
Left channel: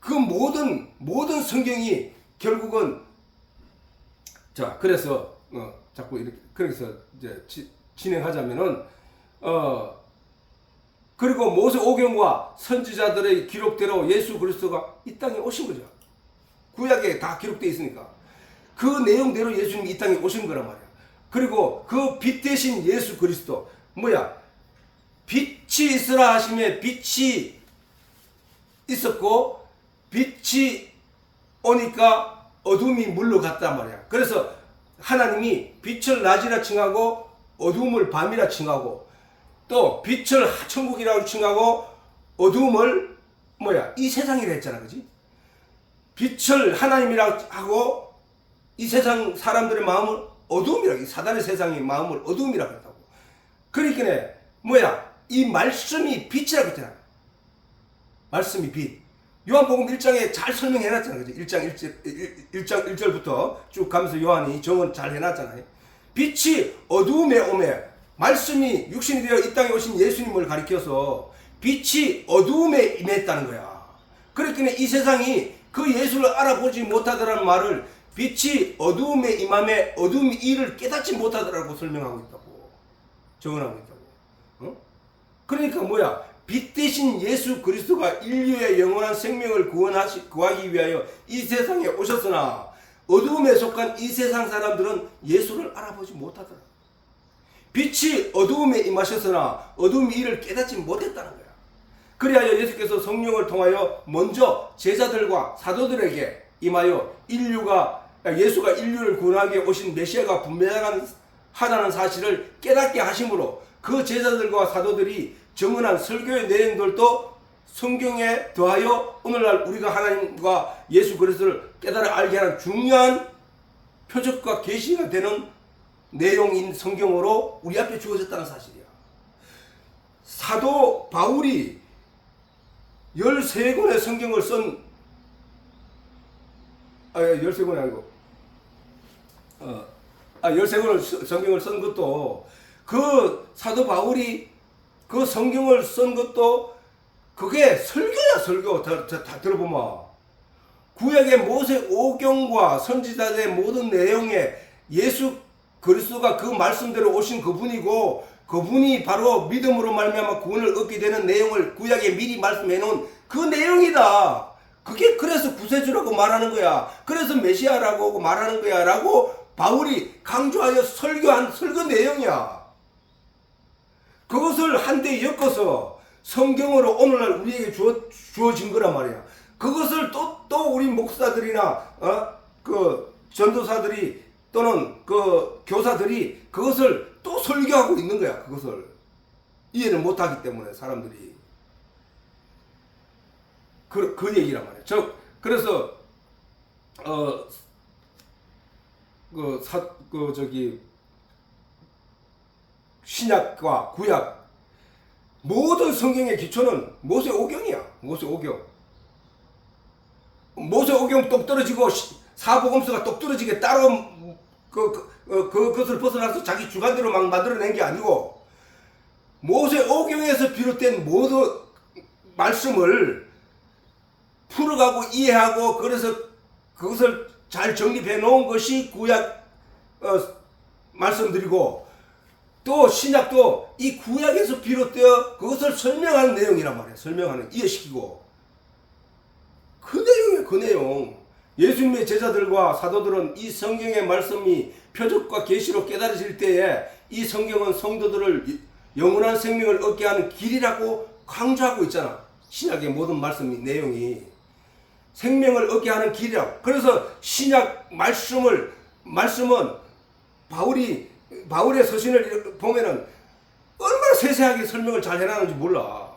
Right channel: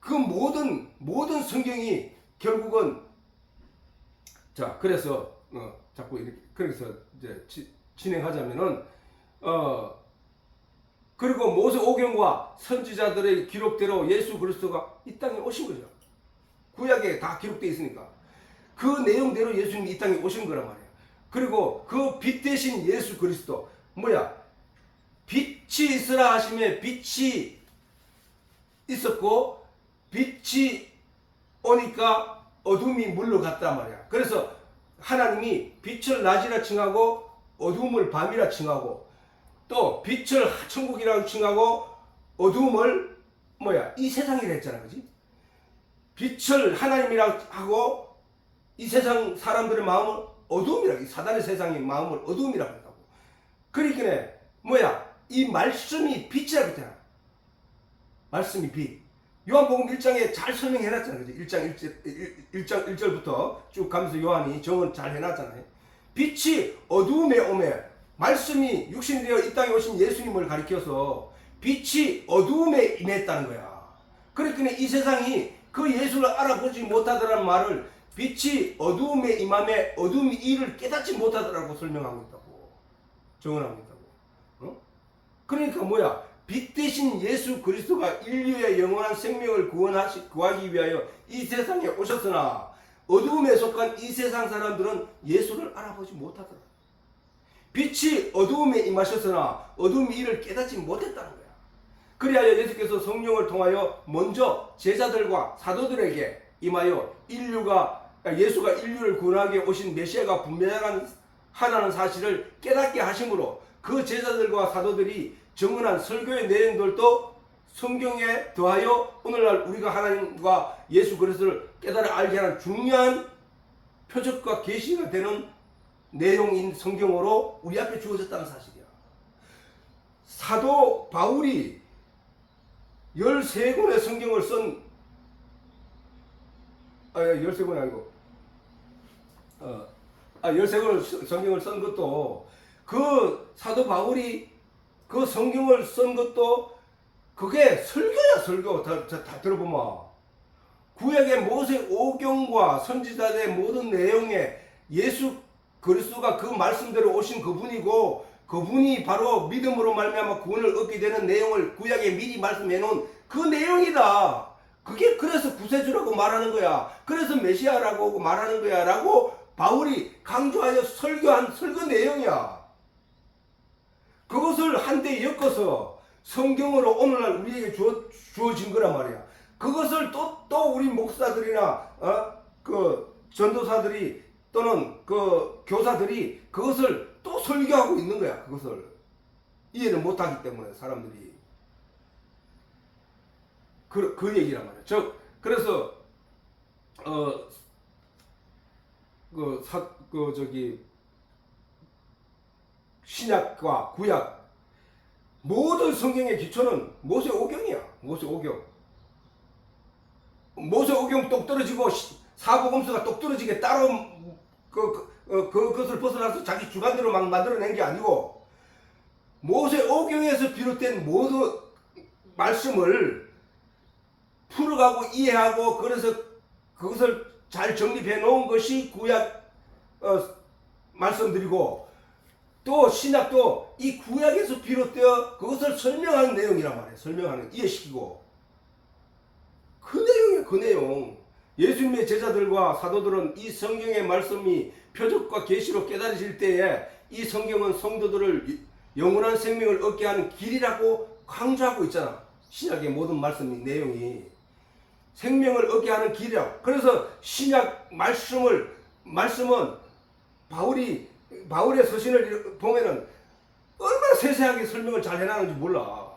그 모든 성경이 결국은 자 그래서 자꾸 이렇게 그래서 이제 진행하자면은 그리고 모세 오경과 선지자들의 기록대로 예수 그리스도가 이 땅에 오신 거죠. 구약에 다 기록되어 있으니까 그 내용대로 예수님이 이 땅에 오신 거란 말이야. 그리고 그 빛 대신 예수 그리스도 뭐야? 빛이 있으라 하심에 빛이 있었고 빛이 오니까 어둠이 물러갔단 말이야. 그래서 하나님이 빛을 낮이라 칭하고 어둠을 밤이라 칭하고 또 빛을 천국이라고 칭하고 어둠을 뭐야? 이 세상이라 했잖아. 그지? 빛을 하나님이라고 하고 이 세상 사람들의 마음을 어둠이라고, 사단의 세상의 마음을 어둠이라고 한다고. 그러니까 뭐야? 이 말씀이 빛이라고 했잖아. 말씀이 빛. 요한복음 1장에 잘 설명해놨잖아. 그죠? 1장 1절부터 쭉 가면서 요한이 정원 잘 해놨잖아요. 빛이 어두움에 오매, 말씀이 육신이 되어 이 땅에 오신 예수님을 가리켜서 빛이 어두움에 임했다는 거야. 그러니까 이 세상이 그 예수를 알아보지 못하더라는 말을 빛이 어두움에 임함에 어둠이 이를 깨닫지 못하더라고 설명하고 있다고. 정언하고 있다고. 그러니까 뭐야? 빛 대신 예수 그리스도가 인류의 영원한 생명을 구하기 위하여 이 세상에 오셨으나 어두움에 속한 이 세상 사람들은 예수를 알아보지 못하더라. 빛이 어두움에 임하셨으나 어두움이 이를 깨닫지 못했다는 거야. 그리하여 예수께서 성령을 통하여 먼저 제자들과 사도들에게 임하여 예수가 인류를 구원하기 위해 오신 메시아가 분명하다는 사실을 깨닫게 하심으로 그 제자들과 사도들이 정언한 설교의 내용들도 성경에 더하여 오늘날 우리가 하나님과 예수 그리스도를 깨달아 알게 하는 중요한 표적과 계시가 되는 내용인 성경으로 우리 앞에 주어졌다는 사실이야. 사도 바울이 13권의 성경을 쓴 13권이 아니고 13권의 성경을 쓴 것도 그 사도 바울이 그 성경을 쓴 것도 그게 설교야. 설교. 다 들어보면 구약의 모세 오경과 선지자들의 모든 내용에 예수 그리스도가 그 말씀대로 오신 그분이고 그분이 바로 믿음으로 말미암아 구원을 얻게 되는 내용을 구약에 미리 말씀해 놓은 그 내용이다. 그게 그래서 구세주라고 말하는 거야. 그래서 메시아라고 말하는 거야 라고 바울이 강조하여 설교한 설교 내용이야. 그것을 한데 엮어서 성경으로 오늘날 우리에게 주어진 거란 말이야. 그것을 또 우리 목사들이나 그 전도사들이 또는 그 교사들이 그것을 또 설교하고 있는 거야. 그것을 이해를 못하기 때문에 사람들이 그 얘기란 말이야. 그래서 신약과 구약 모든 성경의 기초는 모세오경이야. 모세오경. 모세오경 똑 떨어지고 사복음서가 똑 떨어지게 따로 그것을 벗어나서 자기 주관대로 막 만들어낸 게 아니고 모세오경에서 비롯된 모든 말씀을 풀어가고 이해하고 그래서 그것을 잘 정립해 놓은 것이 구약 말씀드리고 또 신약도 이 구약에서 비롯되어 그것을 설명하는 내용이란 말이에요. 설명하는, 이해시키고 그 내용이에요. 그 내용. 예수님의 제자들과 사도들은 이 성경의 말씀이 표적과 계시로 깨달으실 때에 이 성경은 성도들을 영원한 생명을 얻게 하는 길이라고 강조하고 있잖아. 신약의 모든 말씀이 내용이 생명을 얻게 하는 길이라고. 그래서 신약 말씀은 바울의 서신을 보면은 얼마나 세세하게 설명을 잘 해놨는지 몰라.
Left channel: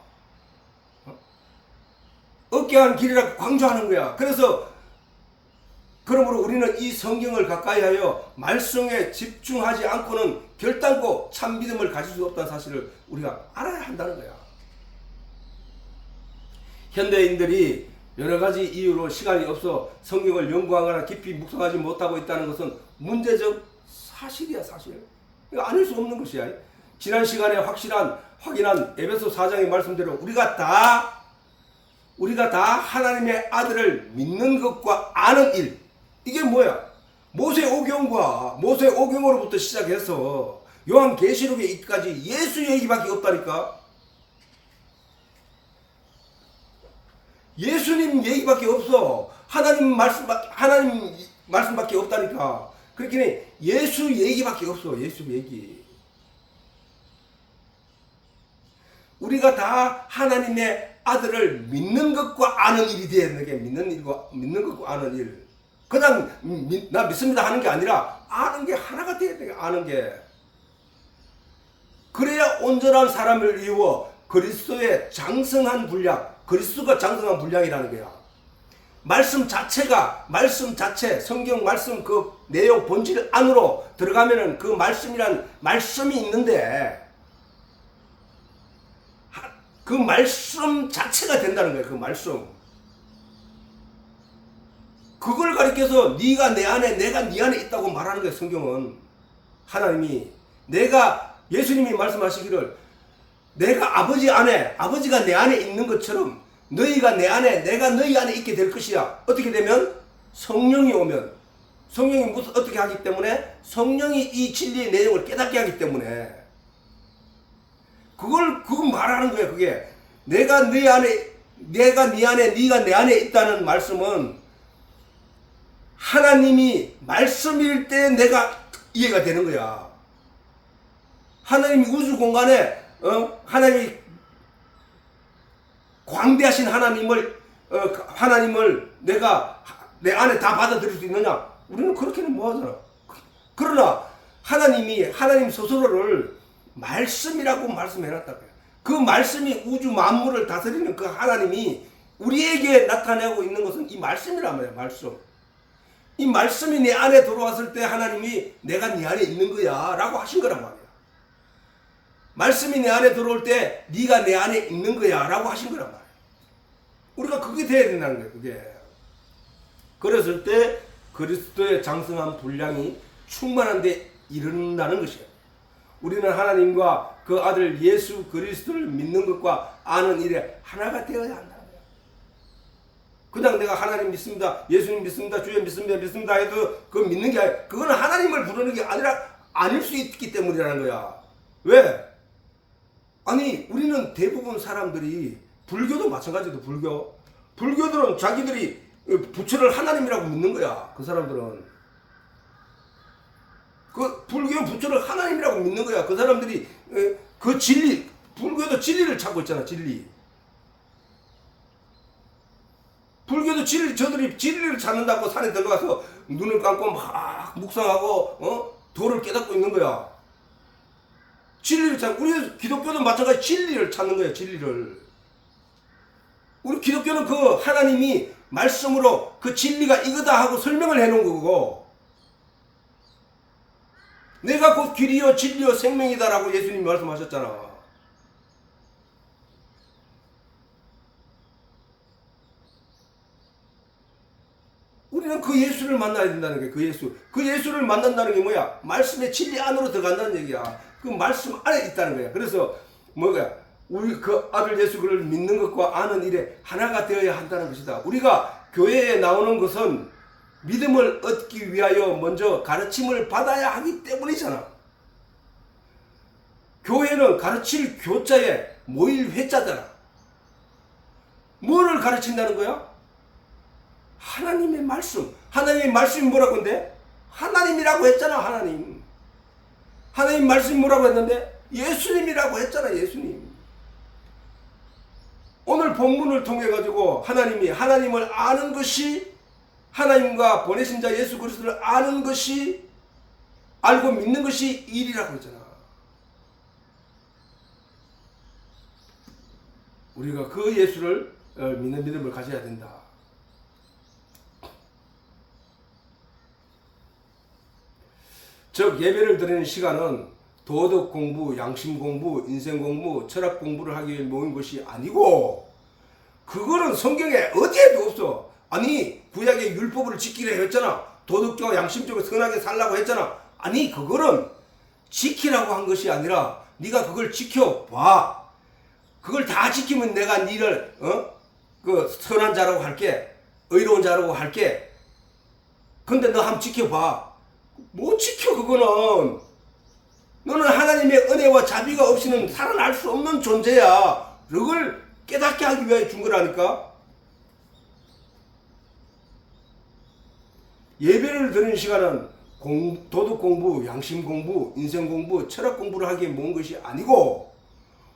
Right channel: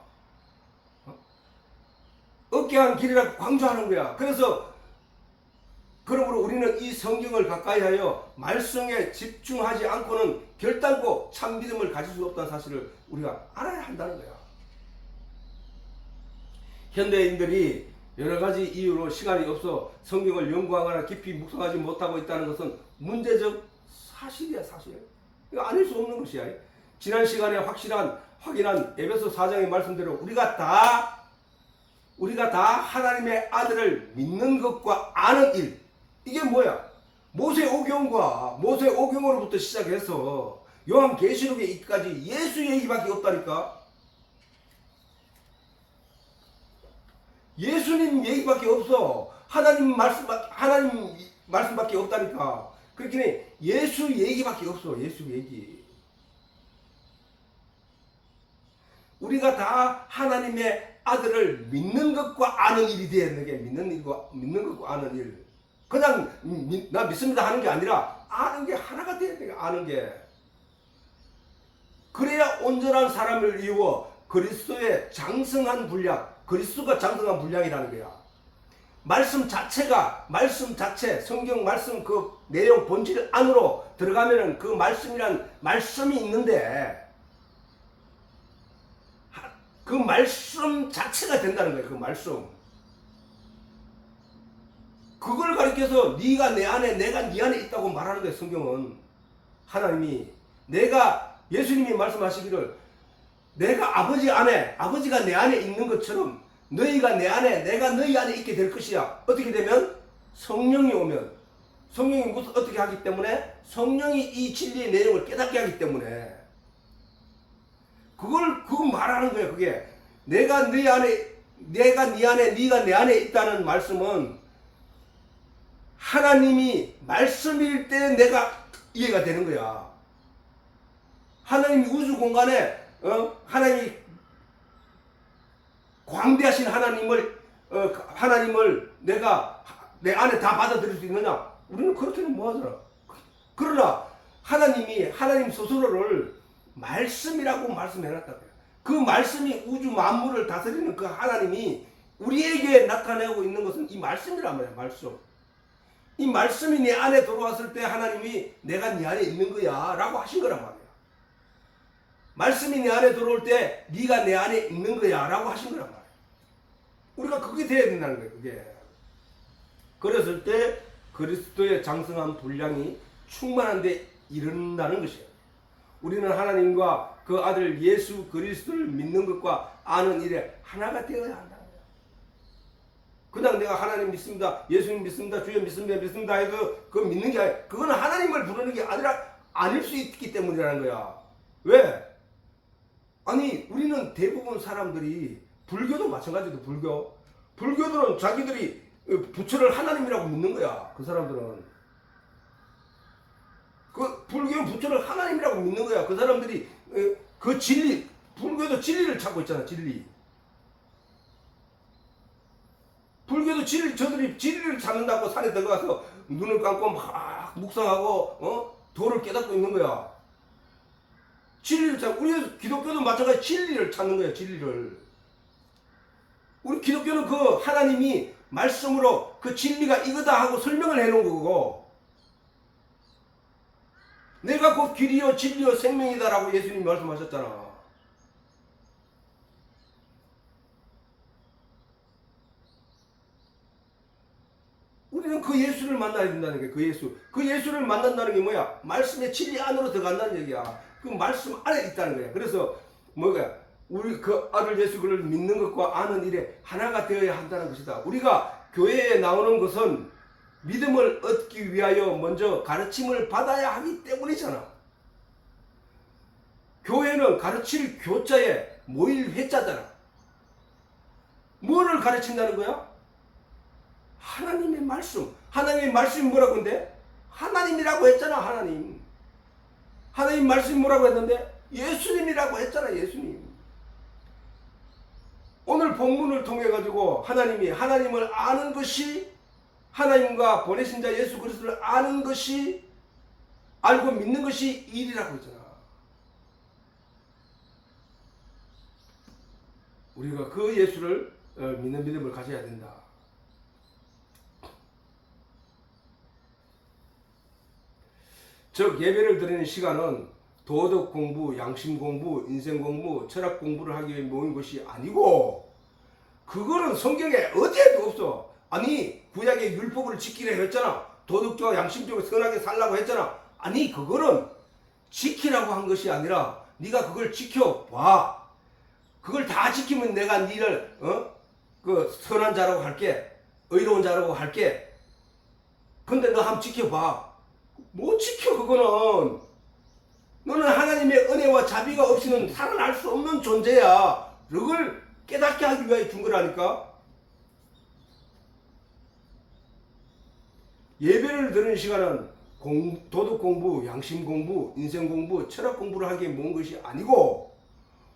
얻게 하는 길이라고 강조하는 거야. 그러므로 우리는 이 성경을 가까이 하여 말씀에 집중하지 않고는 결단코 참 믿음을 가질 수 없다는 사실을 우리가 알아야 한다는 거야. 현대인들이 여러 가지 이유로 시간이 없어 성경을 연구하거나 깊이 묵상하지 못하고 있다는 것은 문제적 사실이야, 사실. 이거 아닐 수 없는 것이야. 지난 시간에 확인한 에베소 4장의 말씀대로 우리가 다 하나님의 아들을 믿는 것과 아는 일. 이게 뭐야? 모세오경으로부터 시작해서 요한계시록에 이까지 예수 얘기밖에 없다니까. 예수님 얘기밖에 없어. 하나님 말씀밖에 없다니까. 그렇게 예수 얘기밖에 없어. 예수 얘기. 우리가 다 하나님의 아들을 믿는 것과 아는 일이 되는 게 믿는 것과 아는 일. 그냥 나 믿습니다 하는 게 아니라 아는 게 하나가 돼야 돼. 아는 게. 그래야 온전한 사람을 이루어 그리스도의 장성한 분량, 그리스도가 장성한 분량이라는 거야. 말씀 자체, 성경 말씀 그 내용 본질 안으로 들어가면은 그 말씀이란 말씀이 있는데 그 말씀 자체가 된다는 거야. 그 말씀. 그걸 가리켜서 네가 내 안에, 내가 네 안에 있다고 말하는 거야. 성경은. 하나님이 예수님이 말씀하시기를 내가 아버지가 내 안에 있는 것처럼 너희가 내 안에, 내가 너희 안에 있게 될 것이야. 어떻게 되면? 성령이 오면. 성령이 어떻게 하기 때문에? 성령이 이 진리의 내용을 깨닫게 하기 때문에. 그걸 말하는 거예요. 그게 내가 네 안에, 네가 내 안에 있다는 말씀은 하나님이 말씀일 때 내가 이해가 되는 거야. 하나님이 우주 공간에 하나님이 광대하신 하나님을 내가 내 안에 다 받아들일 수 있느냐? 우리는 그렇게는 못하잖아. 그러나 하나님 스스로를 말씀이라고 말씀해놨다. 그 말씀이 우주 만물을 다스리는 그 하나님이 우리에게 나타내고 있는 것은 이 말씀이란 말이야. 말씀. 이 말씀이 내 안에 들어왔을 때 하나님이 내가 네 안에 있는 거야 라고 하신 거란 말이야. 말씀이 내 안에 들어올 때 네가 내 안에 있는 거야 라고 하신 거란 말이야. 우리가 그게 돼야 된다는 거야. 그게. 그랬을 때 그리스도의 장성한 분량이 충만한 데 이른다는 것이야. 우리는 하나님과 그 아들 예수 그리스도를 믿는 것과 아는 일에 하나가 되어야 한다는 거야. 그냥 내가 하나님 믿습니다, 예수님 믿습니다, 주여 믿습니다 해도 그거 믿는 게 아니라 그거는 하나님을 부르는 게 아니라 아닐 수 있기 때문이라는 거야. 왜? 아니 우리는 대부분 사람들이 불교도 마찬가지도 불교들은 자기들이 부처를 하나님이라고 믿는 거야. 그 사람들은 그 불교 부처를 하나님이라고 믿는 거야. 그 사람들이 그 진리, 불교도 진리를 찾고 있잖아. 진리. 불교도 저들이 진리를 찾는다고 산에 들어가서 눈을 감고 막 묵상하고 도를 깨닫고 있는 거야. 진리를 찾고, 우리 기독교도 마찬가지 진리를 찾는 거야. 진리를. 우리 기독교는 그 하나님이 말씀으로 그 진리가 이거다 하고 설명을 해놓은 거고, 내가 곧 길이요 진리요 생명이다라고 예수님이 말씀하셨잖아. 우리는 그 예수를 만나야 된다는 게 그 예수를 만난다는 게 뭐야? 말씀의 진리 안으로 들어간다는 얘기야. 그 말씀 안에 있다는 거야. 그래서 우리 그 아들 예수 그를 믿는 것과 아는 일에 하나가 되어야 한다는 것이다. 우리가 교회에 나오는 것은 믿음을 얻기 위하여 먼저 가르침을 받아야 하기 때문이잖아. 교회는 가르칠 교자에 모일 회자잖아. 뭐를 가르친다는 거야? 하나님의 말씀. 하나님의 말씀이 뭐라고 했는데? 하나님이라고 했잖아. 하나님 말씀이 뭐라고 했는데? 예수님이라고 했잖아. 예수님. 오늘 본문을 통해 가지고 하나님을 아는 것이, 하나님과 보내신 자 예수 그리스도를 아는 것이, 알고 믿는 것이 일이라고 했잖아. 우리가 그 예수를 믿는 믿음을 가져야 된다. 즉 예배를 드리는 시간은 도덕 공부, 양심 공부, 인생 공부, 철학 공부를 하기 위해 모인 것이 아니고 그거는 성경에 어디에도 없어. 아니 구약의 율법을 지키려 했잖아. 도덕적으로 양심적으로 선하게 살라고 했잖아. 아니 그거는 지키라고 한 것이 아니라 네가 그걸 지켜봐. 그걸 다 지키면 내가 니를 그 선한 자라고 할게. 의로운 자라고 할게. 근데 너 한번 지켜봐. 못 지켜 그거는. 너는 하나님의 은혜와 자비가 없이는 살아날 수 없는 존재야. 그걸 깨닫게 하기 위해 준 거라니까. 예배를 드리는 시간은 도덕 공부, 양심 공부, 인생 공부, 철학 공부를 하기에 모은 것이 아니고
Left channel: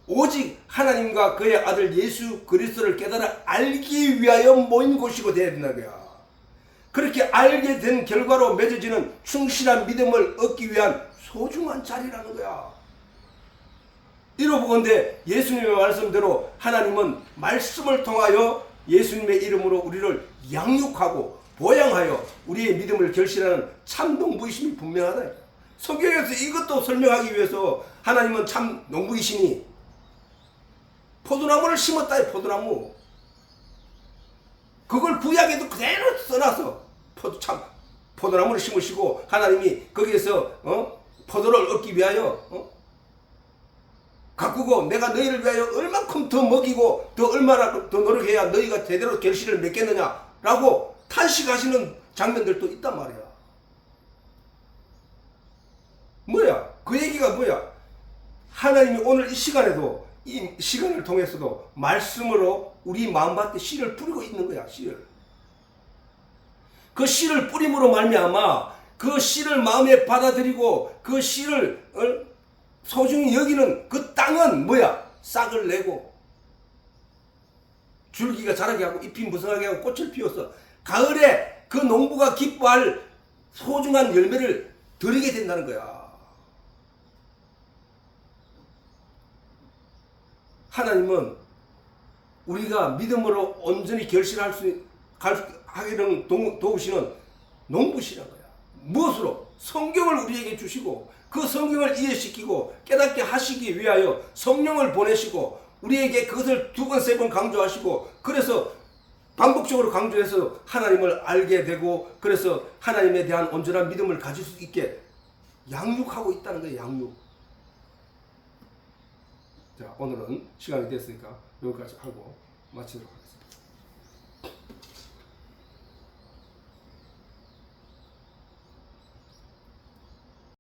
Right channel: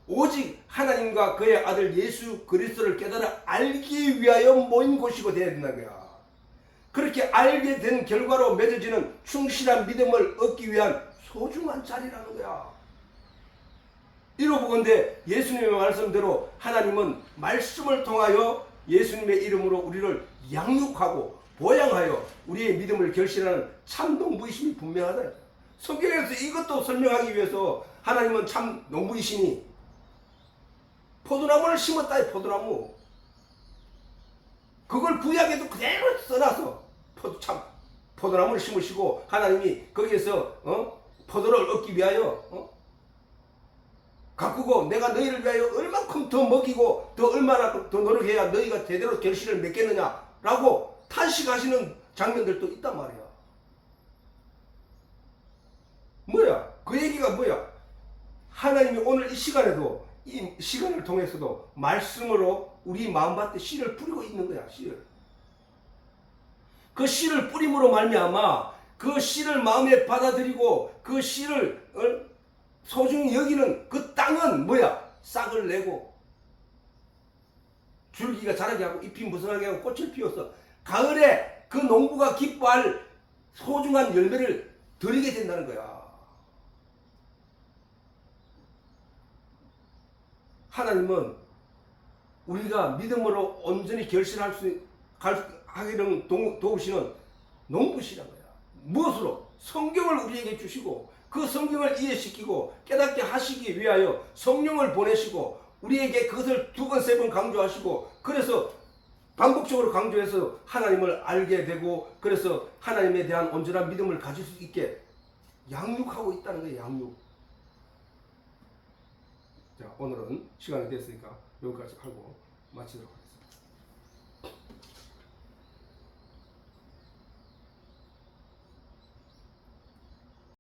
오직 하나님과 그의 아들 예수 그리스도를 깨달아 알기 위하여 모인 곳이고 되어야 된다는 거야. 그렇게 알게 된 결과로 맺어지는 충실한 믿음을 얻기 위한 소중한 자리라는 거야. 이러보건대 예수님의 말씀대로 하나님은 말씀을 통하여 예수님의 이름으로 우리를 양육하고 보양하여 우리의 믿음을 결실하는 참 농부이심이 분명하다. 성경에서 이것도 설명하기 위해서 하나님은 참 농부이시니 포도나무를 심었다. 포도나무 그걸 구약에도 그대로 써놔서 포도나무를 심으시고 하나님이 거기에서 포도를 얻기 위하여 가꾸고 내가 너희를 위하여 얼만큼 더 먹이고 더 얼마나 더 노력해야 너희가 제대로 결실을 맺겠느냐라고 탄식하시는 장면들도 있단 말이야. 뭐야? 그 얘기가 뭐야? 하나님이 오늘 이 시간에도 이 시간을 통해서도 말씀으로 우리 마음밭에 씨를 뿌리고 있는 거야. 씨를. 그 씨를 뿌림으로 말미암아 그 씨를 마음에 받아들이고 그 씨를 소중히 여기는 그 땅은 뭐야? 싹을 내고 줄기가 자라게 하고 잎이 무성하게 하고 꽃을 피워서 가을에 그 농부가 기뻐할 소중한 열매를 드리게 된다는 거야. 하나님은 우리가 믿음으로 온전히 결실할 수 하기는 도우시는 농부시란 거야. 무엇으로? 성경을 우리에게 주시고 그 성경을 이해시키고 깨닫게 하시기 위하여 성령을 보내시고 우리에게 그것을 2번, 3번 강조하시고 그래서 반복적으로 강조해서 하나님을 알게 되고 그래서 하나님에 대한 온전한 믿음을 가질 수 있게 양육하고 있다는 거예요. 양육. 자, 오늘은 시간이 됐으니까 여기까지 하고 마치도록 하겠습니다.